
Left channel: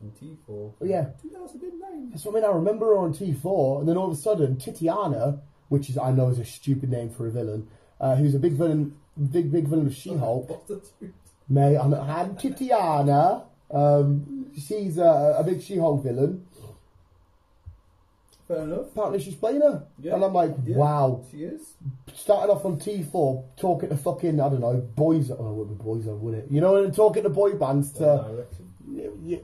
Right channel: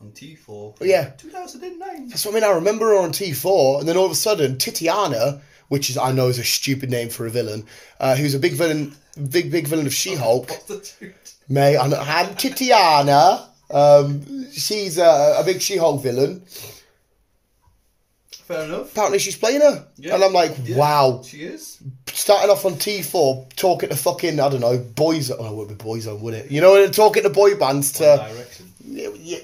on T4. Yeah. 2009. That's what I mean. I remember her on T4, and then all of a sudden, Tatiana which is I know is a stupid name for a villain, who's a big villain of She-Hulk. May and Tatiana, she's a big She-Hulk villain. Fair enough. Apparently she's playing her. Yeah. And I'm like, wow. She is. Starting off on T4, talking to fucking, I don't know, boys. Oh, it would be Boyzone, would it? You know, talking to boy bands to... One Direction. Yeah,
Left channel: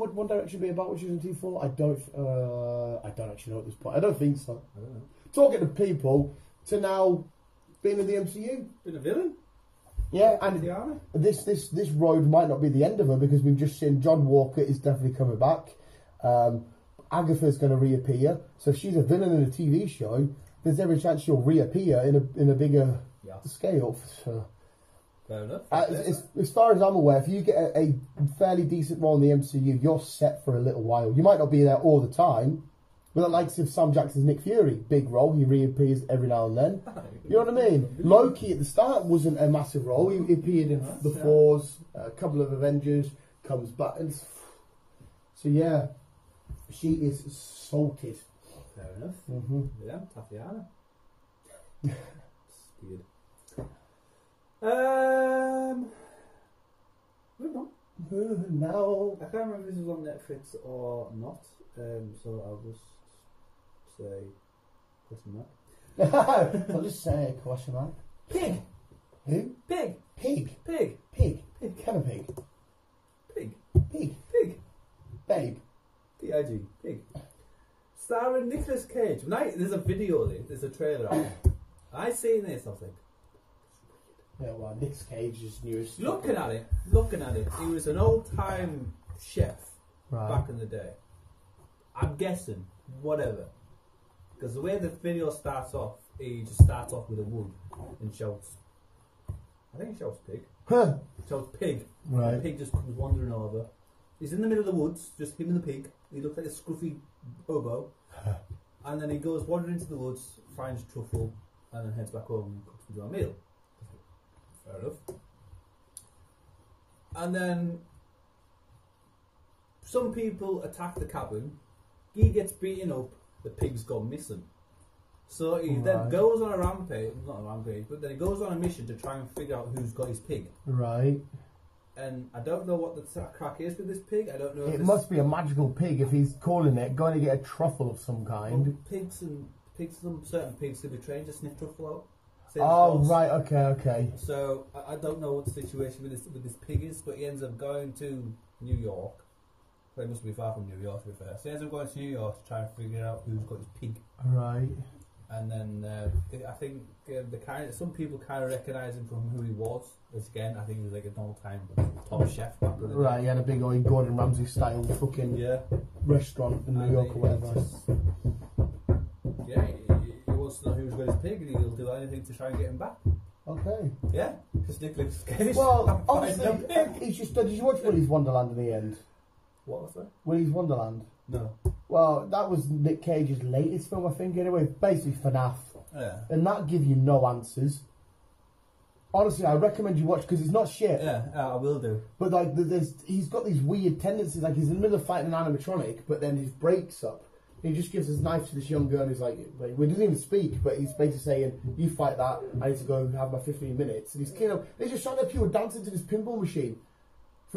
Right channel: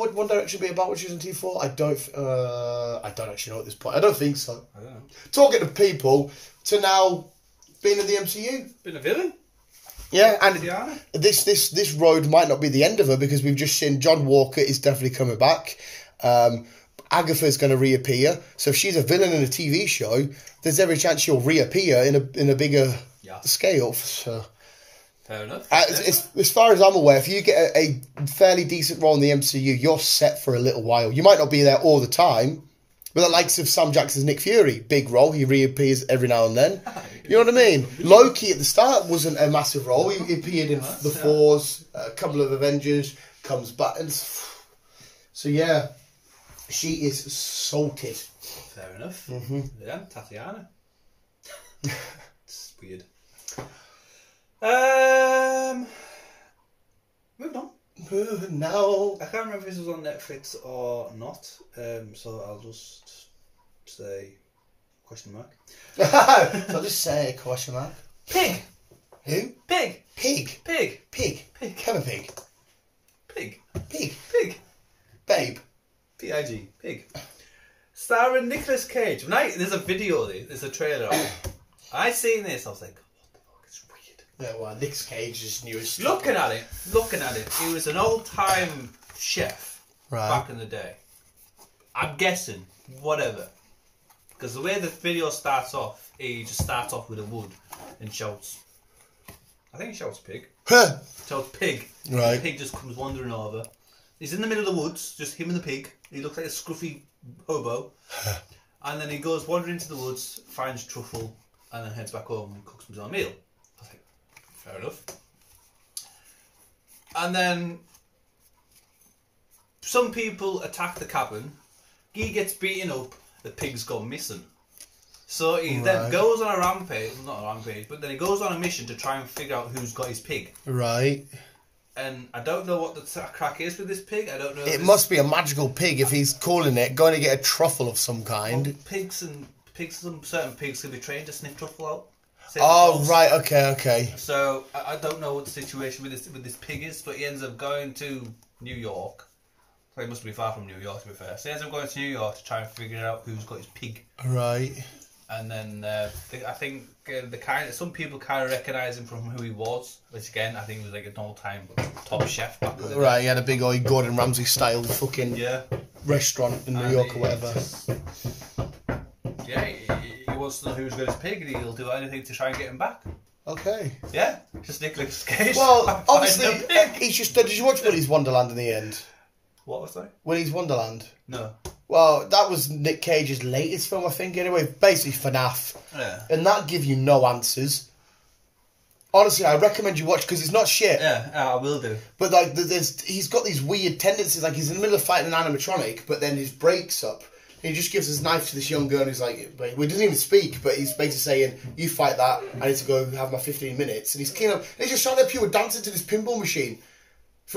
would One Direction be about what she was on T4? I don't actually know at this point. I don't think so. I don't know. Talking to people to now being in the MCU. Been a villain? Yeah, and this road might not be the end of her because we've just seen John Walker is definitely coming back. Agatha's going to reappear. So if she's a villain in a TV show, there's every chance she'll reappear in a bigger scale. So, fair enough. As far as I'm aware, if you get a fairly decent role in the MCU, you're set for a little while. You might not be there all the time, but the likes of Sam Jackson's Nick Fury, big role, he reappears every now and then. You know what I mean? Loki at the start wasn't a massive role. He appeared in the Fours, a couple of Avengers, comes back. So yeah. She is salted. Fair enough. Yeah, Tatiana. It's weird. Moving on. No. I can't remember if this was on Netflix or not. So I'll just say question mark. So I'll just say question mark. Pig. Who? Pig. Pig. Pig. Pig. Pig. Kevin Pig. Pig. Pig. Pig. Babe. P-I-G. Pig. Starring Nicolas Cage. There's a video of it. There's a trailer of it. I seen this. I was like, what the fuck? It's weird. Yeah, well, Nicolas Cage's newest. Looking at it. He was an old-time chef back in the day. I'm guessing. Whatever. Because the way the video starts off, he just starts off with a wood and shouts. I think he shouts pig. Shouts pig. Right. The pig just comes wandering over. He's in the middle of the woods, just him and the pig. He looks like a scruffy hobo. And then he goes wandering into the woods, finds truffle, and then heads back home and cooks himself a meal. I was like, fair enough. And then some people attack the cabin. He gets beaten up. The pig's gone missing. So he then goes on a rampage. Not a rampage, but then he goes on a mission to try and figure out who's got his pig. Right. And I don't know what the crack is with this pig. I don't know. It must be a magical pig if he's calling it, going to get a truffle of some kind. Well, certain pigs can be trained to sniff truffle out. Right, okay. So I don't know what the situation with this pig is, but he ends up going to New York. So he must be far from New York, to be fair. So he ends up going to New York to try and figure out who's got his pig. Right. And then I think some people kind of recognise him from who he was, which again I think he was like an all-time top chef back in the day. Right, he had a big old Gordon Ramsay style fucking restaurant in New York or whatever. He wants to know who's got his pig, and he'll do anything to try and get him back. Okay. Yeah, just Nicolas Cage. Well, obviously, he's just. Did you watch Willy's Wonderland in the end? What was that? Willy's Wonderland. No. Well, that was Nick Cage's latest film, I think, anyway. Basically FNAF. Yeah. And that give you no answers. Honestly, I recommend you watch because it's not shit. Yeah, I will do. But like, he's got these weird tendencies. Like he's in the middle of fighting an animatronic, but then his breaks up. And he just gives his knife to this young girl, and he's like, he doesn't even speak, but he's basically saying, "You fight that. I need to go have my 15 minutes." And he's he's just showing up people dancing to this pinball machine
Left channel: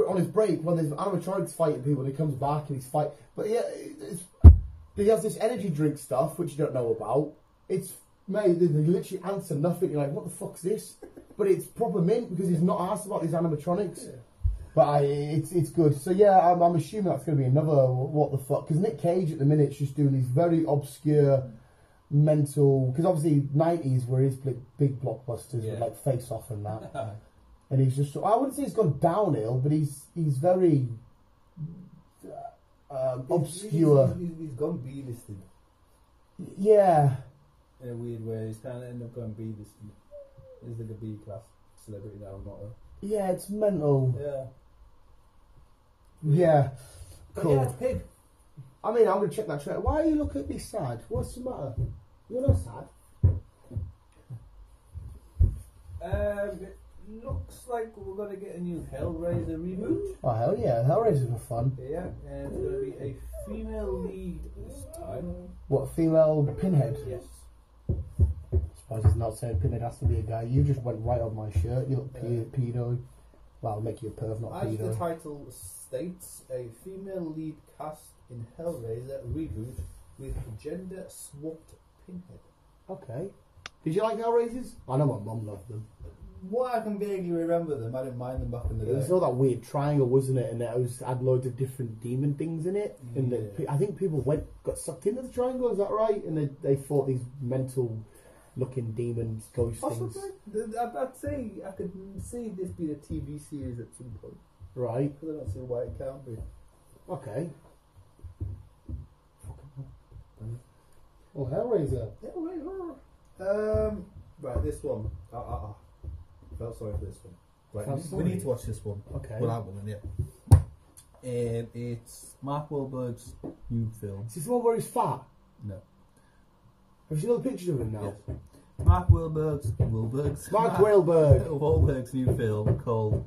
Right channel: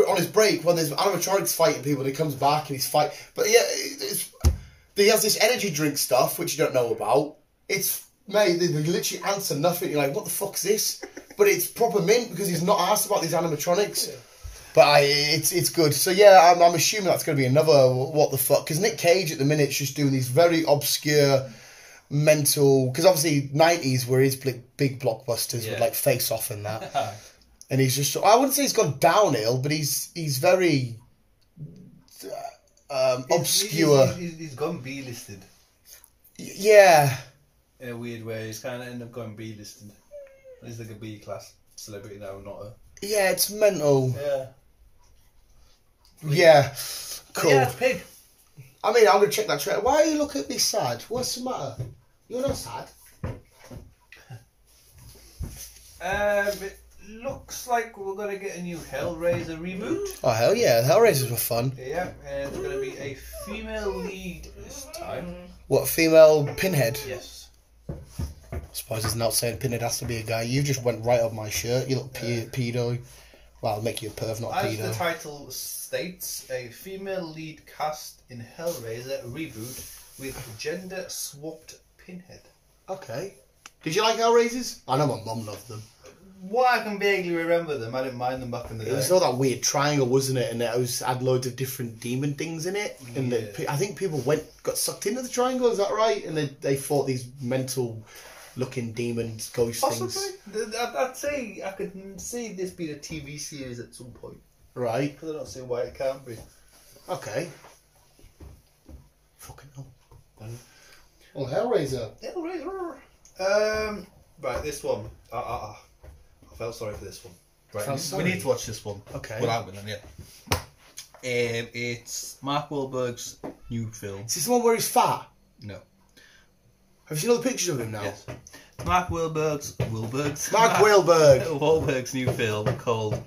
on his break while there's animatronics fighting people. And he comes back and he's fighting. But yeah, he has this energy drink stuff which you don't know about. It's they literally answer nothing. You're like, what the fuck's this? But it's proper mint because he's not asked about these animatronics. Yeah. But it's good. So yeah, I'm assuming that's going to be another what the fuck. Because Nick Cage at the minute is just doing these very obscure mental. Because obviously 90s were his big blockbusters with like Face Off and that. And he's just, I wouldn't say he's gone downhill, but he's very obscure. He's gone B-listed. Yeah. In a weird way, he's kind of ended up going B-listed. He's like a B-class celebrity now, not a... Yeah, it's mental. Yeah. Yeah. Cool. Yeah, it's Pig. I mean, I'm going to check that trailer. Why are you looking at me sad? What's the matter? You're not sad. It looks like we're going to get a new Hellraiser reboot. Oh, hell yeah. Hellraisers were fun. Yeah, and it's going to be a female lead this time. What, female Pinhead? Yes. suppose there's not saying Pinhead has to be a guy. You just went right up my shirt, you little pedo. Well, I'll make you a perv, not a As pedo. the title states, a female lead cast in Hellraiser reboot with gender-swapped Pinhead. Okay. Did you like Hellraisers? I know my mum loved them. Well, I can vaguely remember them. I didn't mind them back in the day. It was all that weird triangle, wasn't it? And it had loads of different demon things in it. And I think people got sucked into the triangle, is that right? And they fought these mental-looking demons, ghost things. I'd say I could see this being a TV series at some point. Right. Because I don't see why it can't be. Okay. Fucking hell. Well, Hellraiser. Right, this one. I felt sorry for this one. Right, we sorry? need to watch this one. Okay. Well, I'm gonna, yeah. It's Mark Wahlberg's new film. Is this the one where he's fat? No. Have you seen all the pictures of him now? Yes. Mark Wahlberg's new film called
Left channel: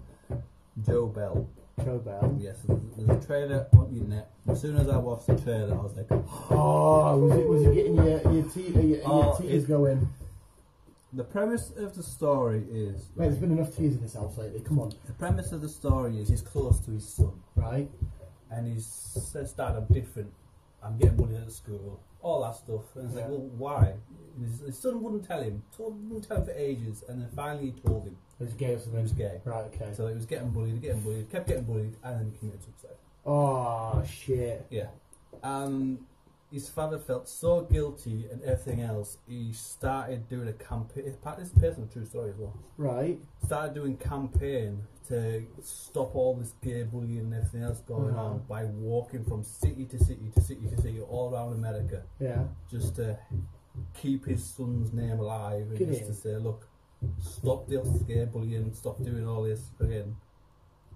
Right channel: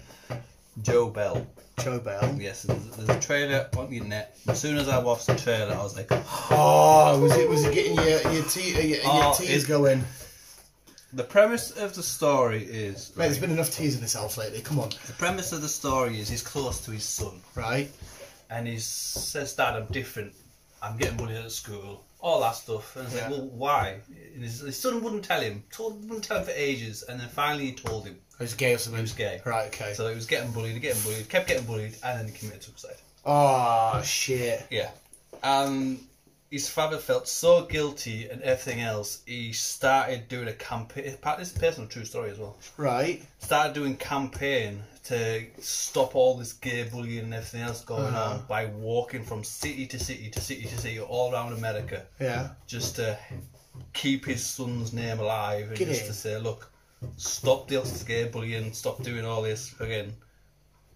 Joe Bell. Joe Bell. Yes, there's a trailer on the internet. As soon as I watched the trailer, I was like, oh, was it getting your tears going? The premise of the story is... Mate, there's been enough tears in this house lately, come on. The premise of the story is he's close to his son. Right. And he says, Dad, I'm different. I'm getting bullied at school. All that stuff. And it's like, well, why? And his son wouldn't tell him. Wouldn't tell him for ages. And then finally he told him. He was gay or something? He was gay. Right, okay. So he was getting bullied, kept getting bullied, and then he committed suicide. Oh, shit. Yeah. His father felt so guilty and everything else, he started doing a campaign. This is a personal true story as well. Right. Started doing campaign to stop all this gay bullying and everything else going on by walking from city to city to city to city all around America. Yeah. Just to keep his son's name alive and to say, look, stop this gay bullying, stop doing all this again.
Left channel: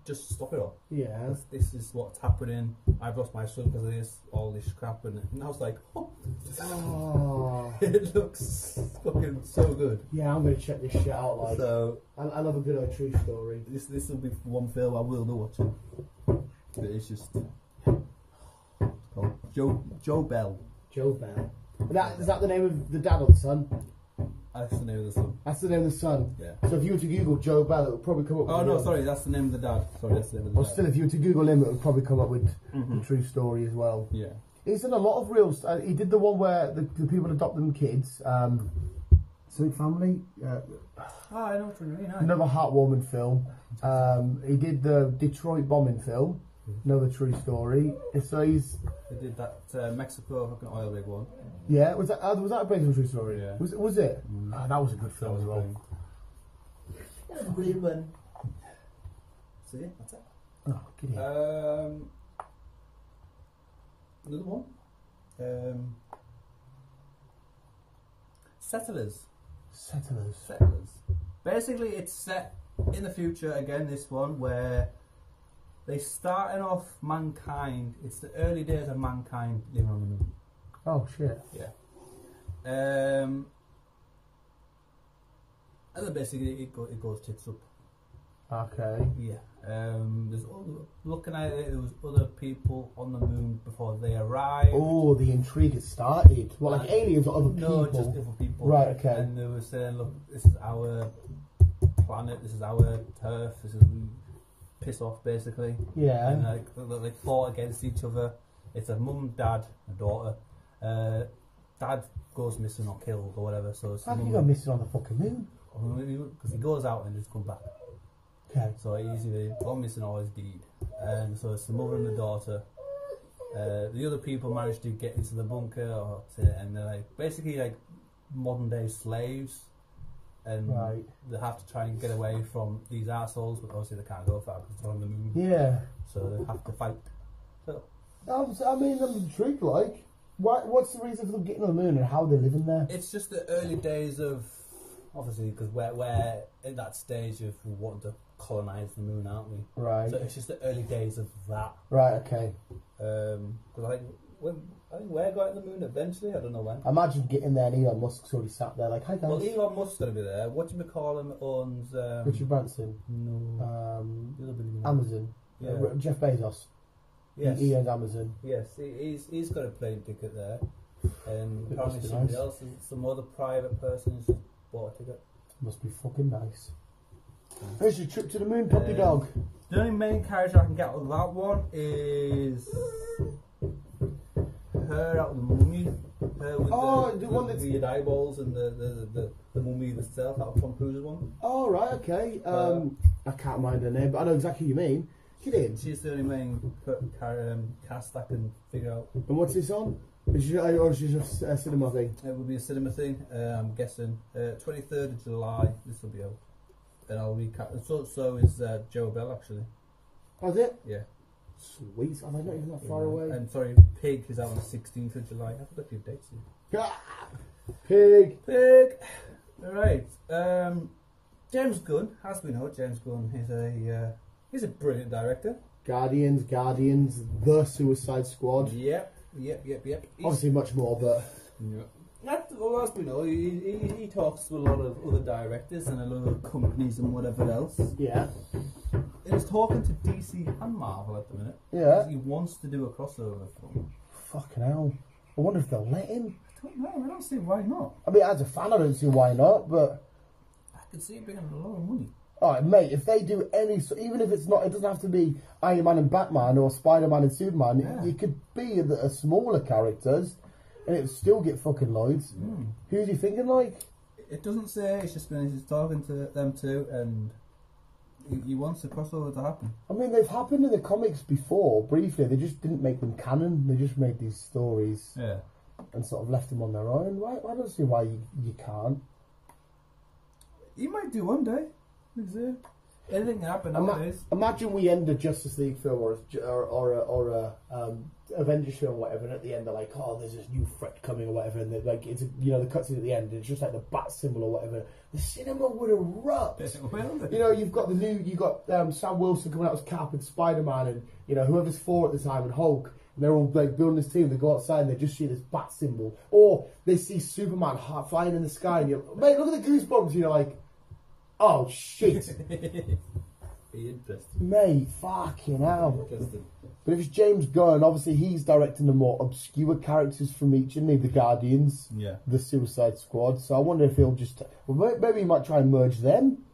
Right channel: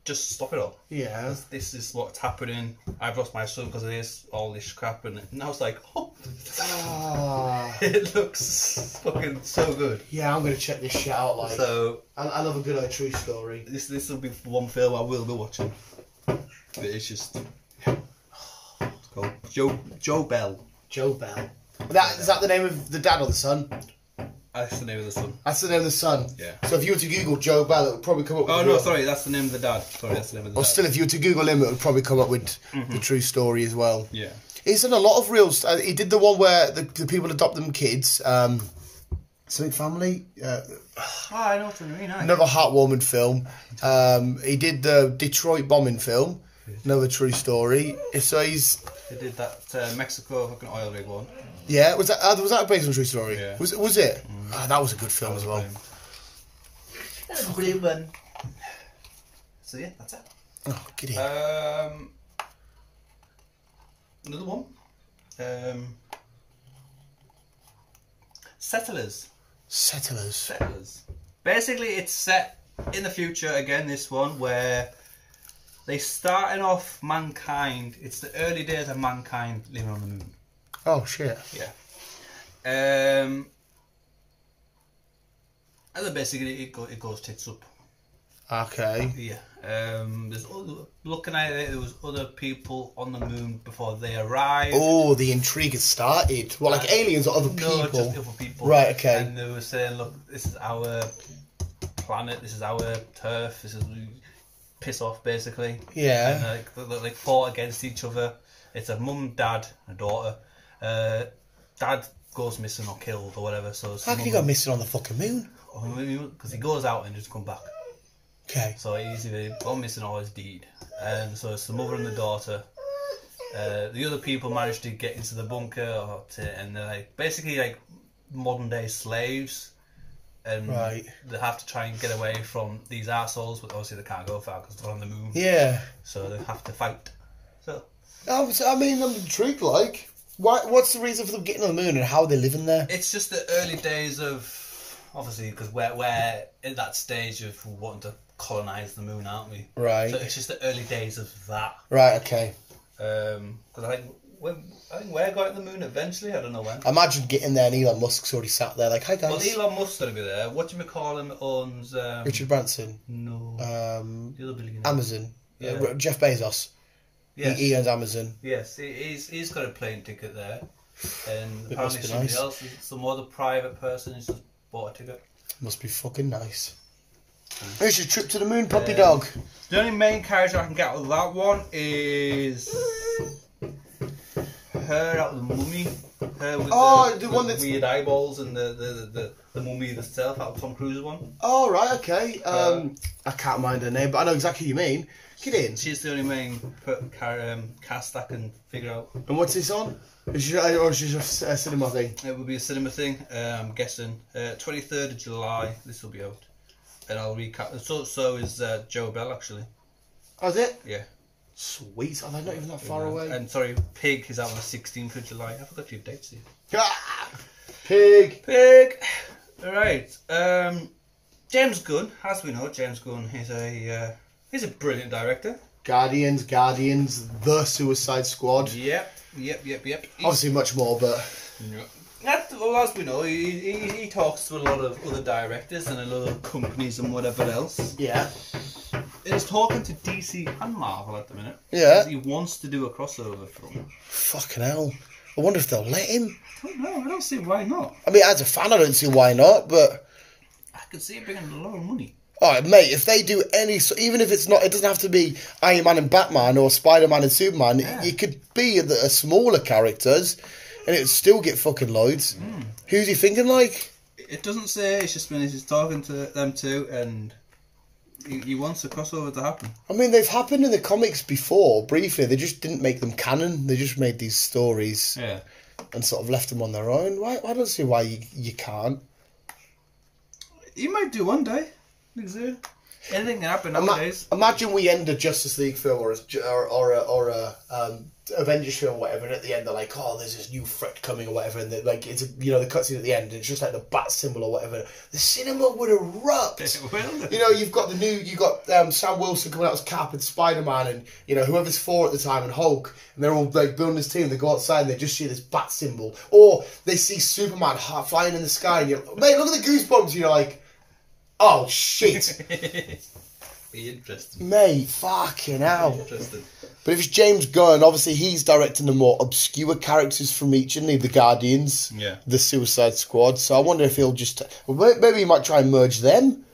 Just stop it all. Yeah. This is what's happening. I've lost my son because of this, all this crap, and I was like, oh, it looks fucking so good. Yeah, I'm gonna check this shit out. Like, so I love a good true story. This will be one film I will be watching. It's just it's called Joe Bell. Joe Bell. Is that the name of the dad or the son? That's the name of the son. That's the name of the son. Yeah. So if you were to Google Joe Bell, it would probably come up. Oh no, sorry, that's the name of the dad. Sorry, that's the name of the dad. Still, if you were to Google him, it would probably come up with the true story as well. Yeah. He's done a lot of reels. He did the one where the people adopt them kids. Something Family. I know what you mean. Another heartwarming film. He did the Detroit bombing film. Another true story. So he's. They did that Mexico fucking oil rig one. Yeah, was that based on a true story? Yeah. Was it? That was a good film as well. That was a brilliant one. So yeah, that's it. Oh, giddy. Another one. Settlers. Basically, it's set in the future again. This one where they starting off mankind. It's the early days of mankind living on the moon. Oh shit. Yeah. And then basically it goes tits up. Okay. Yeah. There's looking at it, there was other people on the moon before they arrived. Oh, the intrigue has started. Well, like aliens or other people? No, just other people. Right. Okay. And they were saying, look, this is our planet. This is our turf. This is piss off, basically. Yeah. And they fought against each other. It's a mum, dad, and a daughter. Dad goes missing or killed or whatever. So how can he go missing on the fucking moon? Because he goes out and just come back. Okay. So he's either gone missing or he's dead. And so it's the mother and the daughter. The other people managed to get into the bunker, and they're basically modern day slaves. And they have to try and get away from these assholes, but obviously they can't go far because they're on the moon. Yeah. So they have to fight. So. I mean, I'm intrigued. Like, what's the reason for them getting on the moon and how are they living there? It's just the early days of, obviously, because we're in that stage of wanting to colonise the moon, aren't we? Right. So it's just the early days of that. Right. Okay. Because I think we're going to the moon eventually. I don't know when. Imagine getting there and Elon Musk's already sat there like, hi guys. Well, Elon Musk's going to be there. What do you call him? Owns Richard Branson. No. The other billionaire. Amazon. Yeah. Jeff Bezos. Yes. He owns Amazon. Yes, he's got a plane ticket there. And It apparently must be somebody nice. else, some other private person has just bought a ticket. Must be fucking nice. Here's your trip to the moon, puppy dog. The only main character I can get out of that one is her out of the Mummy. Her with the one that's weird eyeballs and the Mummy herself out of Tom Cruise's one. Oh, right, okay. I can't mind her name, but I know exactly who you mean. Get in. She's the only main cast I can figure out. And what's this on? Is she, or is she just a cinema thing? It will be a cinema thing. I'm guessing 23rd of July. This will be out, and I'll recap. So is Joe Bell actually. Oh, is it? Yeah. Sweet. Oh, they're not even that far away. And sorry, Pig is out on the 16th of July. I forgot your dates here. Ah! Pig. Pig. All right. James Gunn, as we know, James Gunn is he's a brilliant director. Guardians, The Suicide Squad. Yep. Obviously much more, but... Well, as we know, he talks to a lot of other directors and a lot of companies and whatever else. Yeah. He's talking to DC and Marvel at the minute. Yeah. He wants to do a crossover film. Fucking hell. I wonder if they'll let him. I don't know. I don't see why not. I mean, as a fan, I don't see why not, but... I could see it bringing a lot of money. Alright, mate, if they do any... Even if it's not... It doesn't have to be Iron Man and Batman or Spider-Man and Superman. Yeah. It could be a smaller characters and it would still get fucking loads. Who's he thinking like? It doesn't say. It's just when he's talking to them too, and he wants a crossover to happen. I mean, they've happened in the comics before, briefly. They just didn't make them canon. They just made these stories and sort of left them on their own. I don't see why you can't. He might do one day. Anything can happen nowadays. Imagine we end a Justice League film or a Avengers film or whatever, and at the end they're like, oh, there's this new threat coming or whatever, and like it's the cutscene at the end, and it's just like the bat symbol or whatever. The cinema would erupt. You've got Sam Wilson coming out as Cap and Spider-Man, and whoever's Thor at the time and Hulk, and they're all like building this team. They go outside and they just see this bat symbol, or they see Superman flying in the sky, and you're like, mate, look at the goosebumps. And you're like, oh shit. Be interesting. Mate, fucking hell. Interesting. But if it's James Gunn, obviously he's directing the more obscure characters from each, isn't he? The Guardians, the Suicide Squad. So I wonder if he'll just... maybe he might try and merge them.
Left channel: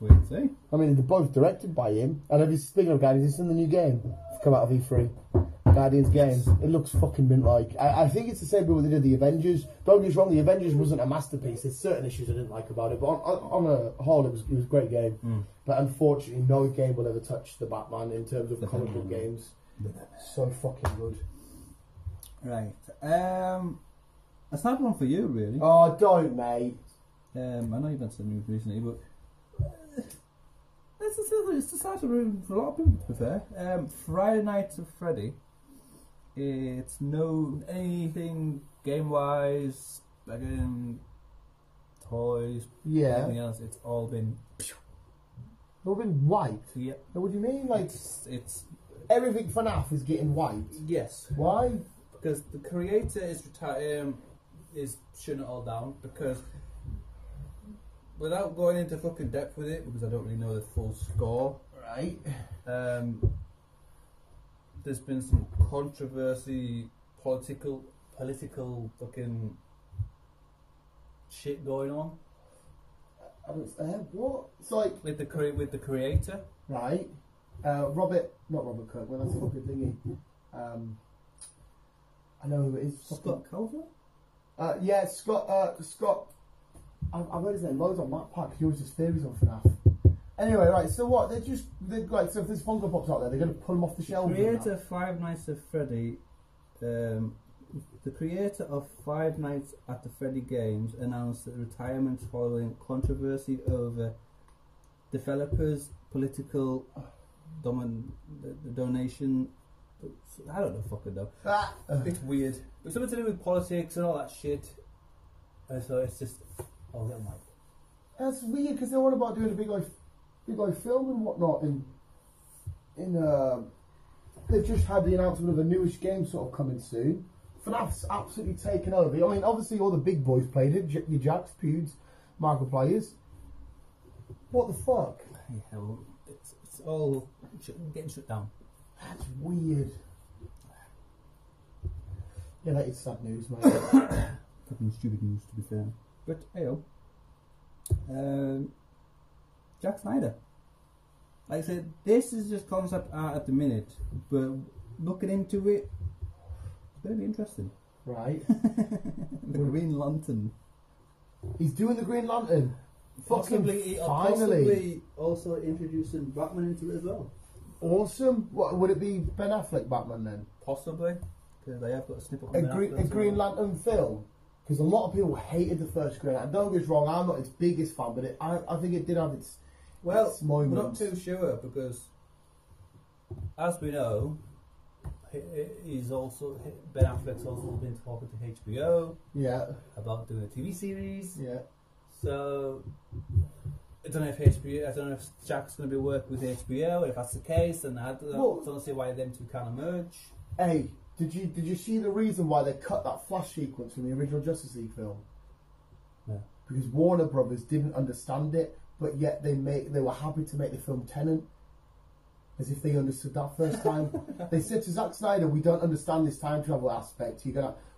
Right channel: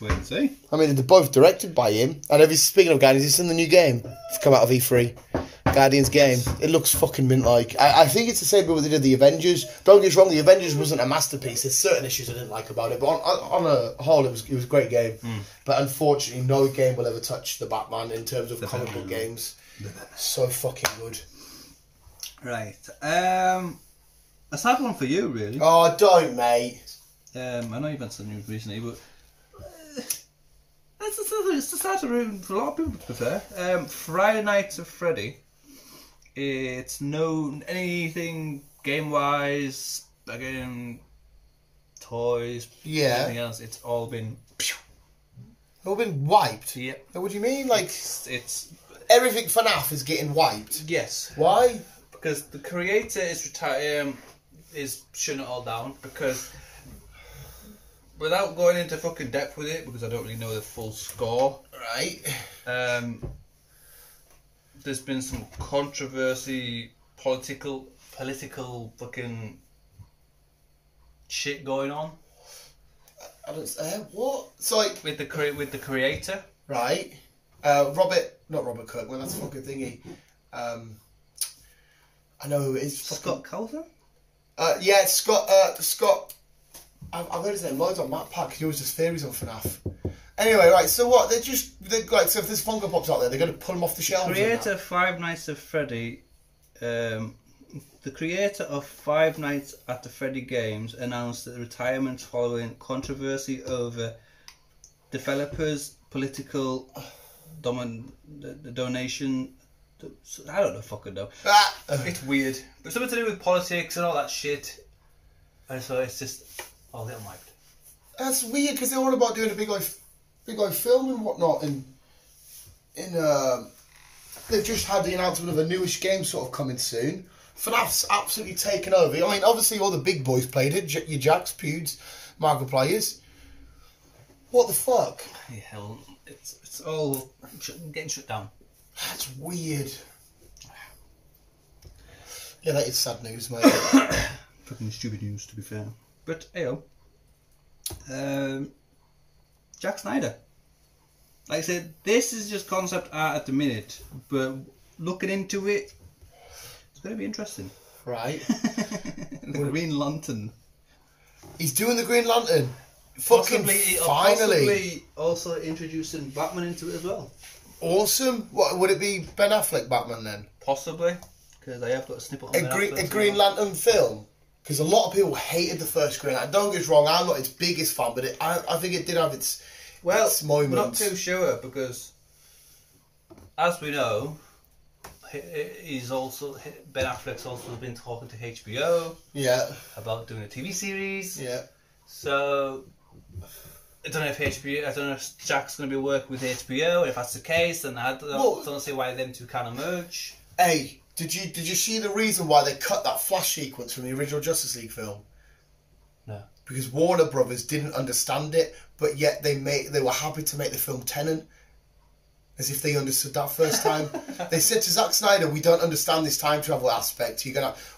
Wait and see. I mean, they're both directed by him. And speaking of Guardians, it's in the new game. It's come out of E3. Guardians game. It looks fucking mint-like. I think it's the same way they did the Avengers. Don't get us wrong, the Avengers wasn't a masterpiece. There's certain issues I didn't like about it, but on a whole, it was a great game. But unfortunately, no game will ever touch the Batman in terms of comic book games. So fucking good. Right. A sad one for you, really. Oh, don't, mate. I know you've had some news recently, but it's a sad one for a lot of people, to be fair. Friday Nights at Freddy. It's no anything game-wise, again, toys, anything else. It's all been wiped. Yep. What do you mean? Like it's everything FNAF is getting wiped. Yes. Why? Because the creator is shutting it all down. Because without going into fucking depth with it, because I don't really know the full score. Right. There's been some controversy, political fucking shit going on. I don't. What? So like with the creator, right? Not Robert Kirkman. That's a fucking thingy. I know who it is. Scott Calvin. Yeah, Scott. I've heard his name loads on Matt Pack. He always does theories on FNAF. Anyway, right, so what? So if this Funko Pop's out there, they're going to pull them off the shelves? Creator of Five Nights at Freddy, the creator of Five Nights at the Freddy games announced that retirement following controversy over developers' political donation. I don't know, fucking know. It's weird. But something to do with politics and all that shit. And so it's just all getting wiped. That's weird because they're all about doing a big film and whatnot, and they've just had the announcement of a newish game sort of coming soon. FNAF's absolutely taken over. I mean, obviously all the big boys played it. Your Jacks, Pewds, Markipliers. What the fuck? Yeah, hell, it's all getting shut down. That's weird. Yeah, that is sad news, mate. Fucking stupid news, to be fair. But, ayo. Jack Snyder. Like I said, this is just concept art at the minute, but looking into it, it's going to be interesting. Right. The Green Lantern. He's doing the Green Lantern. Fucking finally. Possibly also introducing Batman into it as well. Awesome. What would it be? Ben Affleck Batman then? Possibly, because I have got a snippet on A Green Lantern film. Because a lot of people hated the first Green Lantern. Don't get us wrong, I'm not its biggest fan, but I think it did have its moments. We're not too sure because, As we know, Ben Affleck's also been talking to HBO about doing a TV series. Yeah. So I don't know if Jack's going to be working with HBO. If that's the case, then I don't see why them two can't merge. Hey, did you see the reason why they cut that Flash sequence from the original Justice League film? No. Because Warner Brothers didn't understand it, but yet they were happy to make the film Tenet. As if they understood that first time. They said to Zack Snyder, we don't understand this time travel aspect.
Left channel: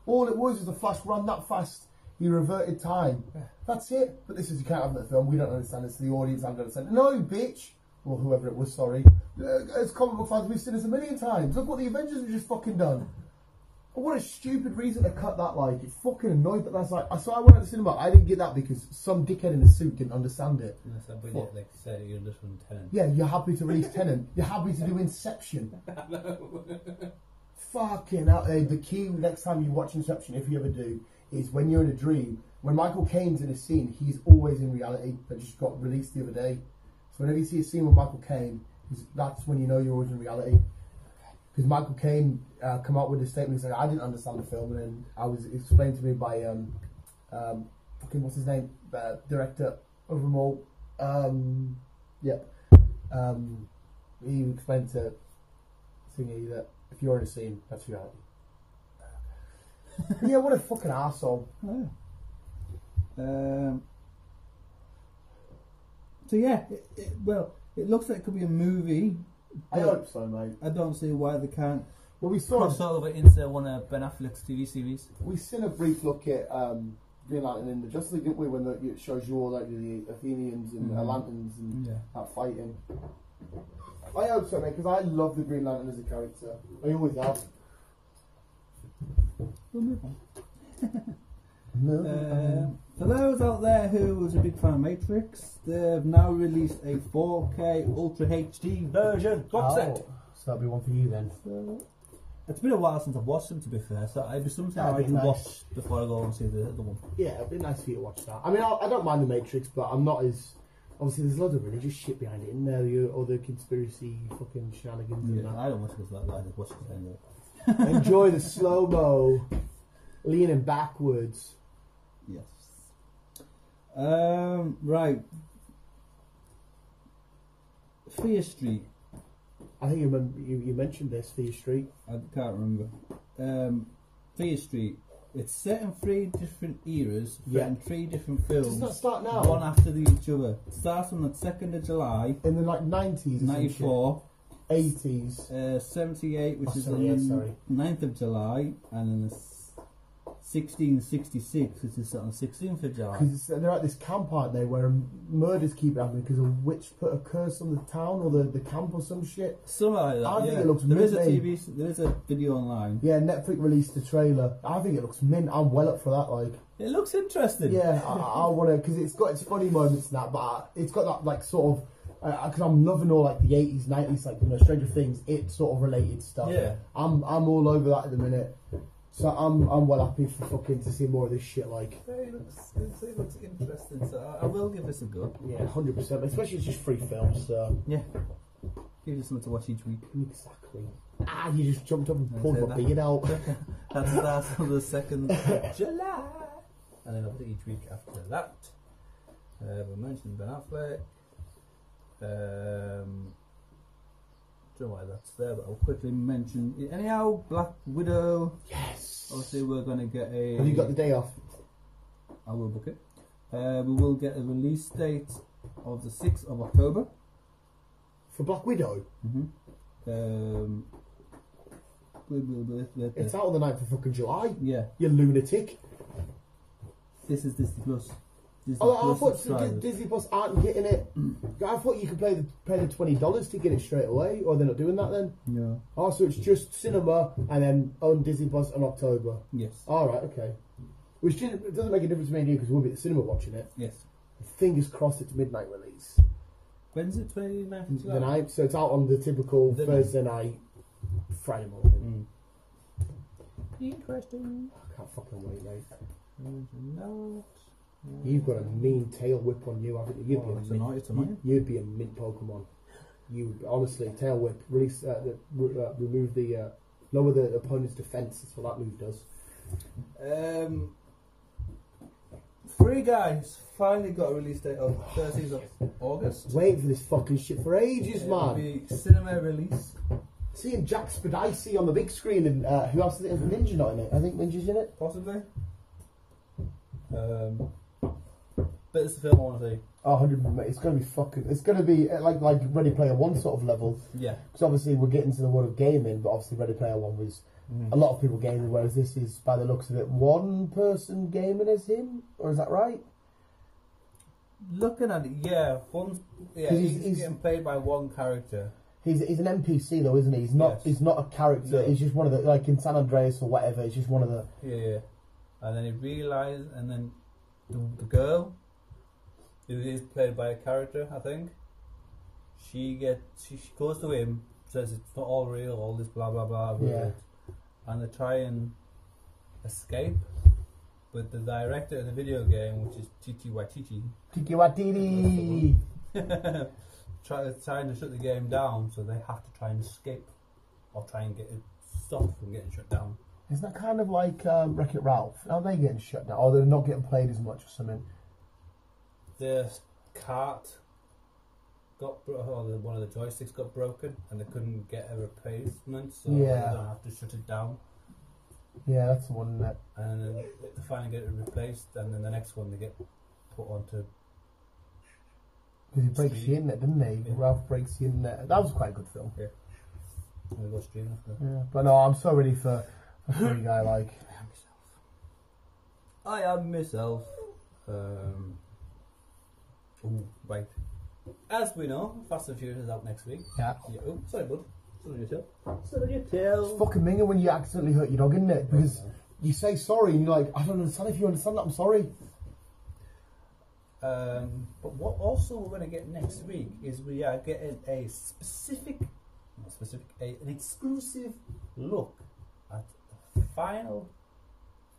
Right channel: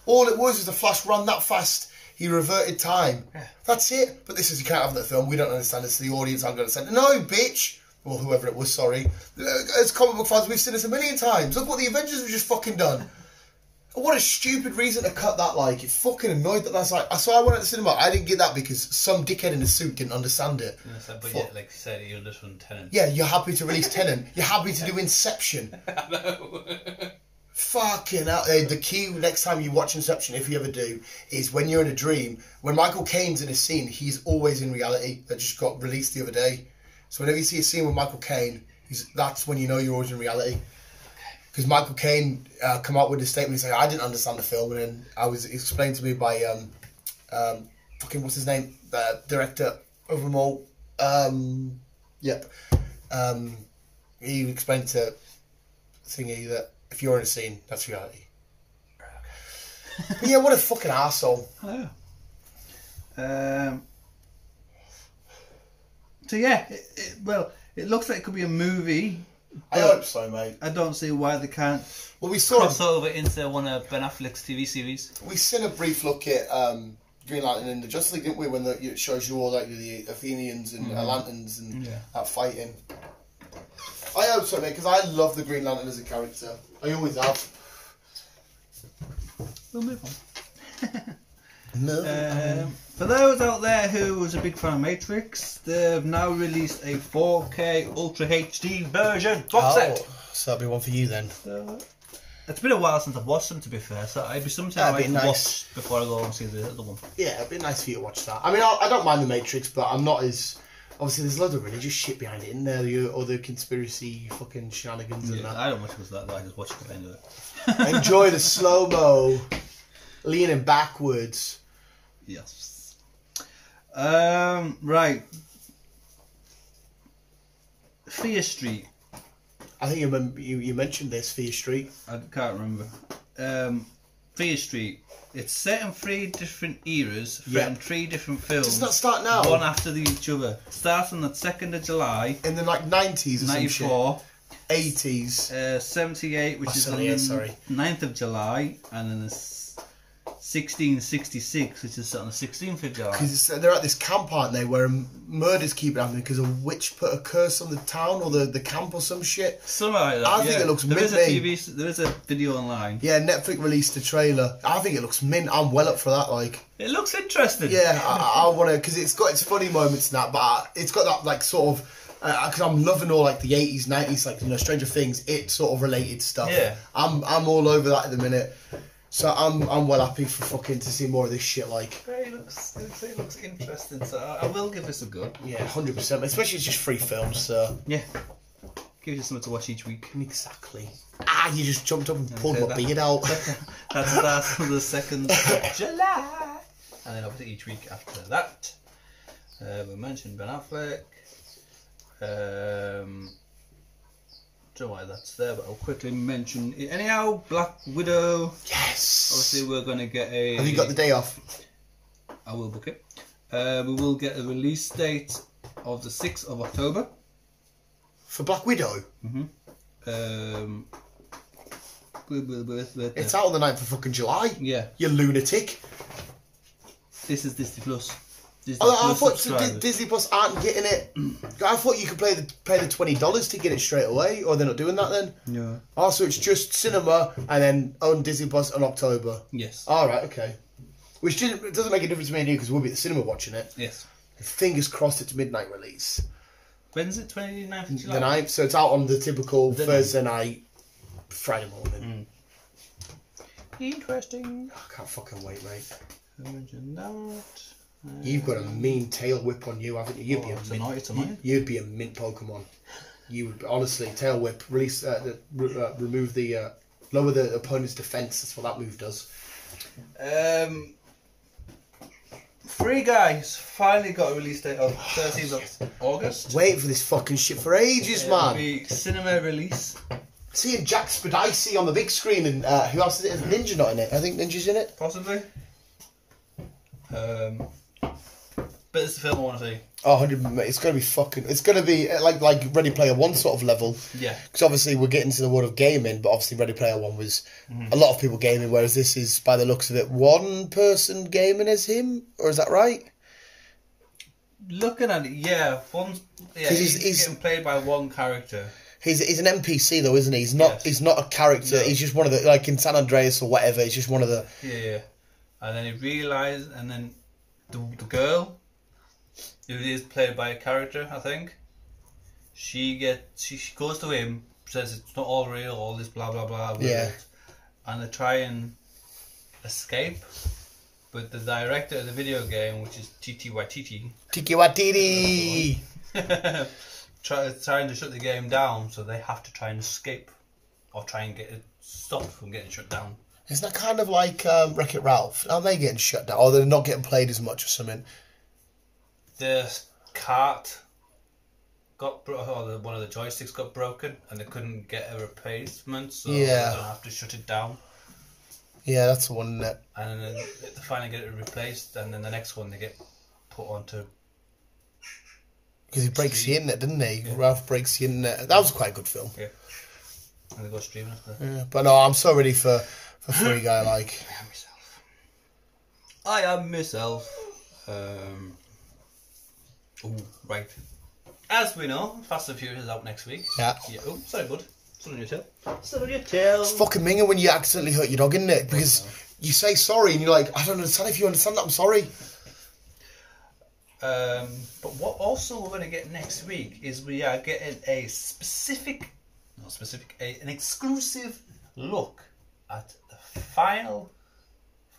All it was the Flash ran that fast. He reverted time. Yeah. That's it. But this is, you can't have that film. We don't understand it, so the audience aren't going to understand it. No, bitch. Or whoever it was, sorry. As comic book fans, we've seen this a million times. Look what the Avengers have just fucking done. What a stupid reason to cut that, like. It fucking annoyed that that's like... So I went to the cinema. I didn't get that because some dickhead in a suit didn't understand it. But yeah, like you said, you're just from Tenet. Yeah, you're happy to release Tenet. You're happy to do Inception. I know. Fucking hell. The key next time you watch Inception, if you ever do, is when you're in a dream. When Michael Caine's in a scene, he's always in reality. That just got released the other day. So whenever you see a scene with Michael Caine, that's when you know you're always in reality. Because Michael Caine come out with a statement saying, I didn't understand the film, and then I was explained to me by fucking what's his name, the director of them all. He explained to Thingy that if you're in a scene, that's reality. But yeah, what a fucking arsehole. So yeah, it looks like it could be a movie. I hope so, mate. I don't see why they can't. Well, we saw cross over into one of Ben Affleck's TV series. We seen a brief look at Green Lantern in the Justice League, didn't we? When it shows you all like the Athenians and Atlanteans and that fighting. I hope so, mate, because I love the Green Lantern as a character. I always have. We'll move on. For those out there who was a big fan of Matrix, they've now released a 4K Ultra HD version box set. So that'll be one for you then. It's been a while since I've watched them, to be fair, so it'd be something I can watch before I go and see the other one. Yeah, it'd be nice for you to watch that. I mean, I don't mind the Matrix, but I'm not as... Obviously, there's a lot of religious shit behind it in there, the other conspiracy fucking shenanigans and that. I don't watch it because of that, I just watch it because I enjoy it. Enjoy the slow-mo, leaning backwards. Yes. Right. Fear Street. I think you mentioned this, Fear Street. I can't remember. Fear Street. It's set in 3 different eras, from 3 different films. Doesn't that start now? One after each other. Starts on the 2nd of July. In the 90s or 94. 80s. 78, which is on the 9th of July. And then the 1666, which is set on the 16th of July. Because they're at this camp, aren't they, where murders keep happening because a witch put a curse on the town or the camp or some shit. Something like that. I think it looks mint. There is a video online. Yeah, Netflix released a trailer. I think it looks mint. I'm well up for that. Like, it looks interesting. Yeah, I want to, because it's got its funny moments and that, but it's got that like sort of. Because I'm loving all like the 80s, 90s, like Stranger Things, it sort of related stuff. Yeah, I'm all over that at the minute. So I'm well happy for fucking to see more of this shit. Like, it looks interesting. So I will give this a go. Yeah, 100%. Especially it's just free films. So yeah, gives you something to watch each week. Exactly. You just jumped up and pulled my beard out. That starts on the 2nd of July, and then obviously each week after that. We mentioned Ben Affleck. Don't know why that's there, but I'll quickly mention it. Anyhow, Black Widow. Yes. Obviously, we're going to get a... Have you got the day off? I will book it. We will get a release date of the 6th of October. For Black Widow? Mm-hmm. It's out on the 9th of fucking July. Yeah. You lunatic. This is Disney Plus. Disney I Plus thought subscribers. Disney Plus aren't getting it. I thought you could pay the $20 to get it straight away, or they're not doing that then. Yeah. Oh, so it's just cinema and then on Disney Plus in October. Yes. All right, okay. Which it doesn't make a difference to me and you because we'll be at the cinema watching it. Yes. Fingers crossed it's midnight release. When's it? 29th of July? The 9th, so it's out on the typical Thursday night, Friday morning. Interesting. I can't fucking wait, mate. Imagine that. You've got a mean tail whip on you, haven't you? You'd be it's annoying. You'd be a mint Pokemon. You would honestly tail whip, release, remove the, lower the opponent's defense. That's what that move does. Free Guys finally got a release date of 13th of August. Wait for this fucking shit for ages, It'll man. be cinema release. Seeing Jack Spadici on the big screen and who else is it? Is Ninja not in it? I think Ninja's in it. Possibly. But it's the film I want to see. Oh, 100. It's gonna be fucking. It's gonna be like Ready Player One sort of level. Yeah. Because obviously we're getting to the world of gaming, but obviously Ready Player One was a lot of people gaming, whereas this is, by the looks of it, one person gaming as him, or is that right? Looking at it, yeah, he's getting played by one character. He's an NPC though, isn't he? He's not. Yes. He's not a character. No. He's just one of the, like in San Andreas or whatever. He's just one of the. Yeah. And then he realised, and then the girl, who is played by a character, I think, she goes to him, says it's not all real, all this blah blah blah. Yeah. And they try and escape, but the director of the video game, which is Titi Waititi, Tiki Watiti. trying to shut the game down, so they have to try and escape, or try and get it stopped from getting shut down. Isn't that kind of like Wreck-It Ralph? Aren't they getting shut down? Or they're not getting played as much or something? The cart one of the joysticks got broken, and they couldn't get a replacement, so Yeah. they're gonna have to shut it down. Yeah, that's the one. And then they finally get it replaced, and then the next one they get put onto. Because he breaks the internet, didn't he? Yeah. Ralph breaks the internet. That was quite a good film. Yeah. And they go streaming after that. Yeah, but no, I'm so ready for Free Guy. Like, I am myself. Right. As we know, Fast and Furious is out next week. yeah. Oh, sorry, bud. Something on your tail. Something on your tail. It's fucking minging when you accidentally hurt your dog, isn't it? Because you say sorry and you're like, I don't understand if you understand that. I'm sorry. But what also we're going to get next week is we are getting an exclusive look at the final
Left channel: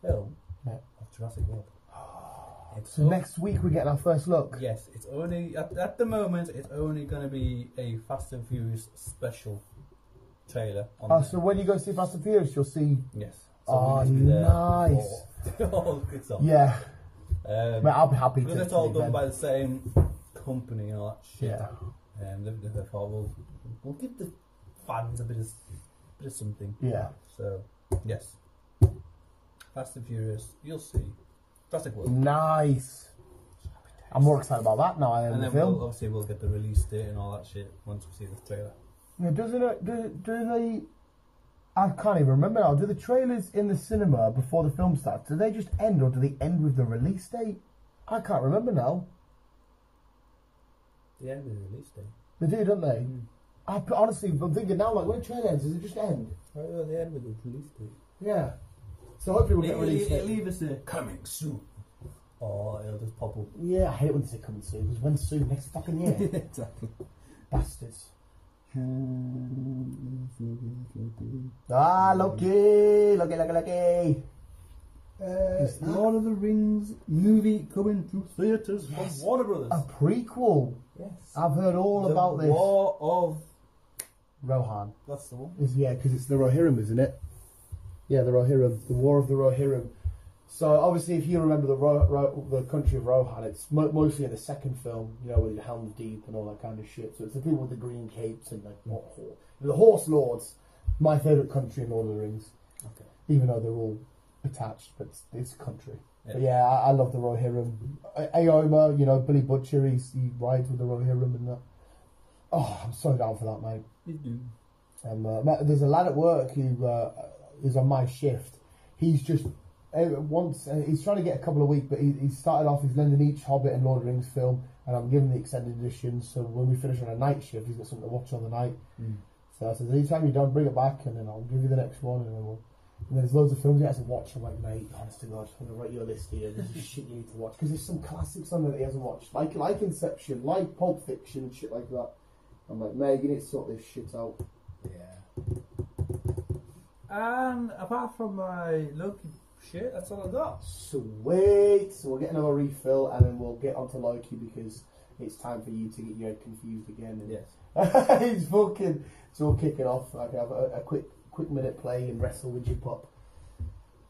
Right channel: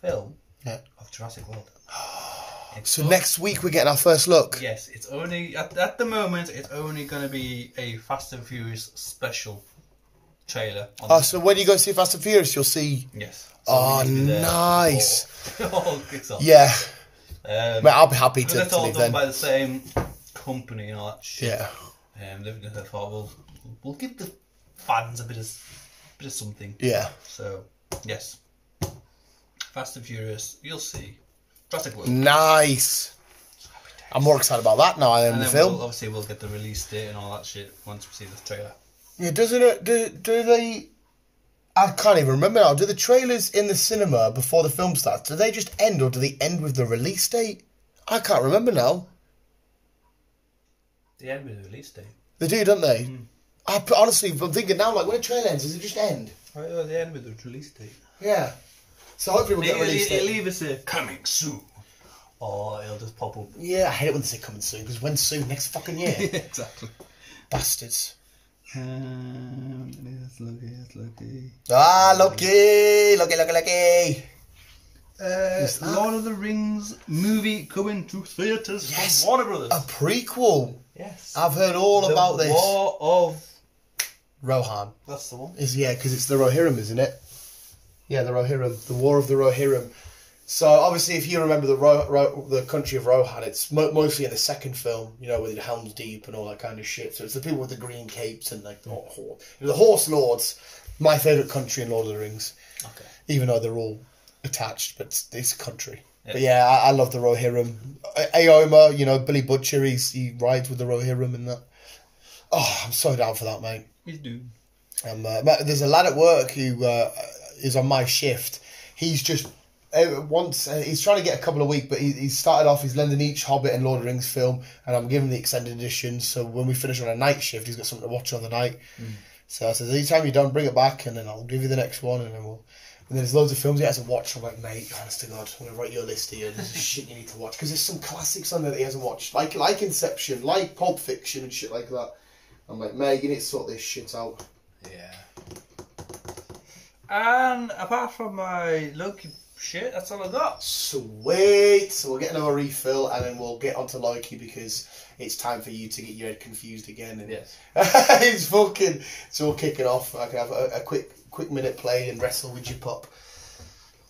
film of Jurassic World. So next week we're getting our first look. Yes, it's only at the moment it's only going to be a Fast and Furious special trailer. So when you go see Fast and Furious, you'll see. Yes. Oh, nice. All kicks off. Yeah. Mate, I'll be happy to it's all leave done then. by the same company and all that shit. Yeah. They thought we'll give the fans a bit of something. Yeah. So yes, Fast and Furious. You'll see. Jurassic World. Nice. I'm more excited about that now. I am And the then film. we'll get the release date and all that shit once we see the trailer. Yeah. Doesn't it? Do they? I can't even remember now. Do the trailers in the cinema before the film starts? Do they just end, or do they end with the release date? I can't remember now. They end with the release date. They do, don't they? Honestly, I'm thinking now, like when a trailer ends, does it just end? Oh, they end with the release date. Yeah. So hopefully we'll get a release date. It'll either say coming soon, or it'll just pop up. Yeah, I hate it when they say coming soon, because when soon? Next fucking year. Exactly. Bastards. It's Loki. Ah, Loki! Lord of the Rings movie coming to theatres Yes. from Warner Brothers. A prequel. Yes. I've heard all about this. War of... Rohan. That's the one. Because it's the Rohirrim, isn't it? Yeah, the Rohirrim. The War of the Rohirrim. So, obviously, if you remember the country of Rohan, it's mostly in the second film, you know, with Helm's Deep and all that kind of shit. So it's the people with the green capes and, like, the Horse Lords. My favourite country in Lord of the Rings. Okay. Even though they're all attached, but it's a country. Yeah. But yeah, I love the Rohirrim. Aomer, you know, Billy Butcher, he rides with the Rohirrim and that. Oh, I'm so down for that, mate. He's doing. There's a lad at work who is on my shift. He's just he's trying to get a couple a week, but he's started off. He's lending each Hobbit and Lord of the Rings film, and I'm giving the extended editions. So when we finish on a night shift, he's got something to watch on the night. So I said, anytime you're done, bring it back, and then I'll give you the next one, and then we'll. And there's loads of films he hasn't watched. I'm like, mate, honest to God, I'm going to write you a list here. There's shit you need to watch. Because there's some classics on there that he hasn't watched. Like Inception, like Pulp Fiction and shit like that. I'm like, mate, you need to sort this shit out. Yeah. And apart from my Loki shit, that's all I got. Sweet. So we'll get another refill and then we'll get onto Loki because it's time for you to get your head confused again. And Yes. it's fucking... So we'll kick it off. I can have a quick minute play and wrestle with your pup.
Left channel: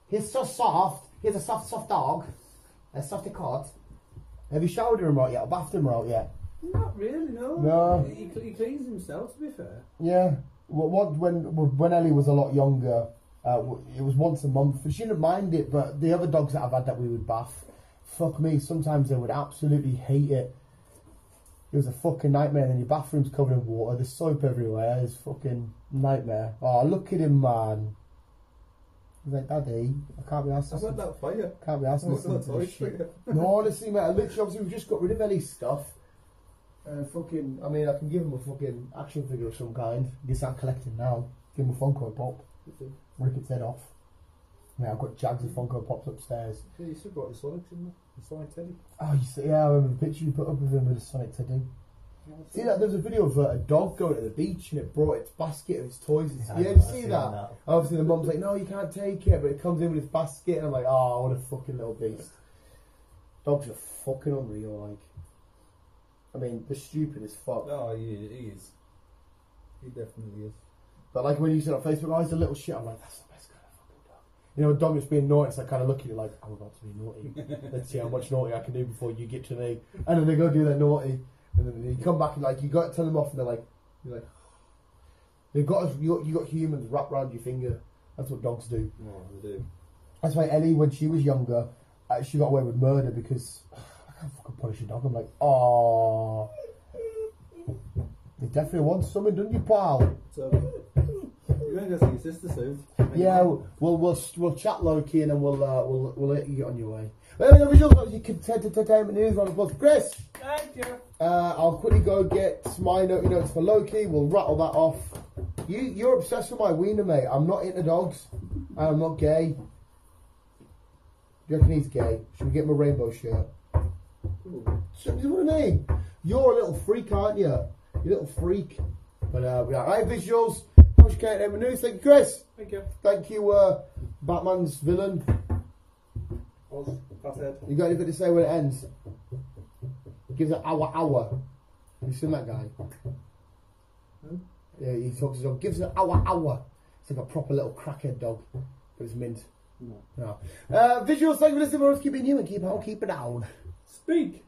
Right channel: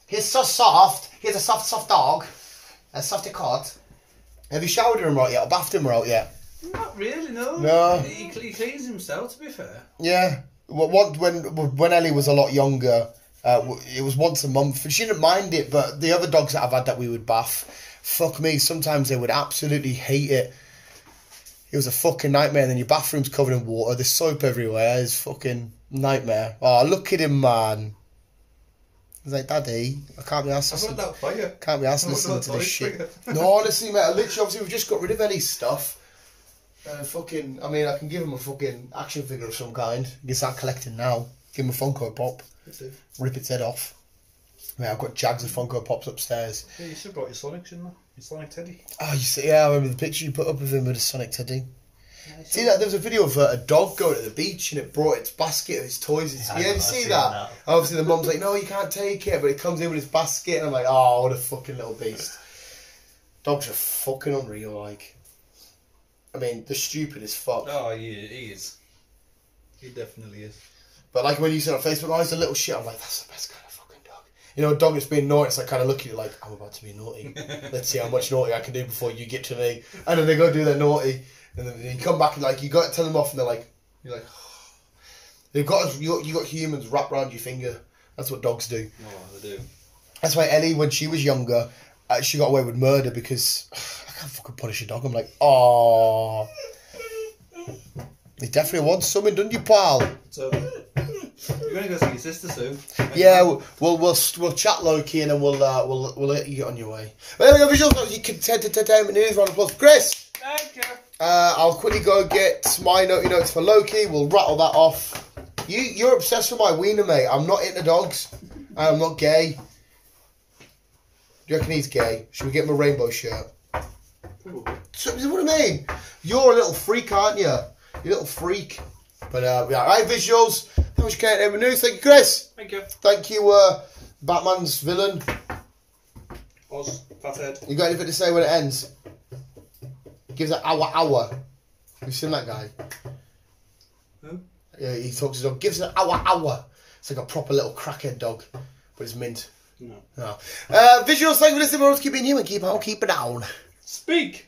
He's so soft. He's a soft dog. A softy cod. Have you showered him right yet? Or bathed him right yet? Not really, no. No. He cleans himself, to be fair. Yeah. When Ellie was a lot younger, it was once a month. And she didn't mind it, but the other dogs that I've had that we would bath, fuck me, sometimes they would absolutely hate it. It was a fucking nightmare. And then your bathroom's covered in water. There's soap everywhere. It's fucking nightmare. Oh, look at him, man. He's like, Daddy, I can't be asked to that fire. Can't be asked to listen to this shit. No, honestly, mate, obviously we've just got rid of Ellie's stuff. And I mean, I can give him a fucking action figure of some kind. You can start collecting now. Give him a Funko Pop. Rip its head off. I mean, I've got Jags of Funko Pops upstairs. Yeah, you should have brought your Sonic, shouldn't you? Your Sonic Teddy. Oh, you see, yeah, I remember the picture you put up of him with a Sonic Teddy. See that? There was a video of a dog going to the beach and it brought its basket of its toys. You see that? Obviously the mum's like, no, you can't take it, but it comes in with its basket and I'm like, oh, what a fucking little beast. Dogs are fucking unreal, like. I mean, they're stupid as fuck. Oh, yeah, he is. He definitely is. But like when you said on Facebook, oh, he's a little shit, I'm like, that's the best kind of fucking dog. You know, a dog that's being naughty, it's like kind of look at you like, I'm about to be naughty. Let's see how much naughty I can do before you get to me. And then they go do their naughty. And then you come back and like, you got to tell them off and they're like, you're like, you got humans wrapped around your finger. That's what dogs do. Oh, they do. That's why Ellie, when she was younger, she got away with murder because I can't fucking punish a dog. I'm like, oh, they definitely want something, don't you, pal? So, you're going to go see your sister soon. Yeah, we'll chat Loki and then we'll let you get on your way. But there we go, visuals. You can entertainment news. Round of applause for Chris. Thank you. I'll quickly go get my naughty notes for Loki. We'll rattle that off. You're obsessed with my wiener, mate. I'm not into dogs. I'm not gay. Do you reckon he's gay? Should we get him a rainbow shirt? So, what I mean? You're a little freak, aren't you? You little freak. But yeah, right, visuals. How much entertainment news? Thank you, Chris. Thank you. Thank you, Batman's villain. Oz, fathead. You got anything to say when it ends? Gives an hour. You've seen that guy? Who? Yeah, he talks to his dog. Gives an hour. It's like a proper little crackhead dog, but it's mint. No. Visuals, thank you for listening. We'll keep being human. Keep on, keep it down. Speak.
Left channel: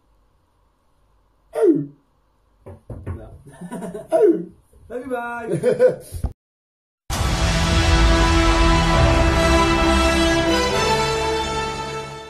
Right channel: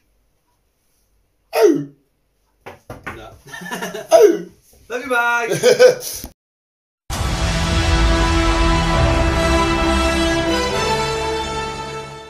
Oh. No. Oh. Love you, bye.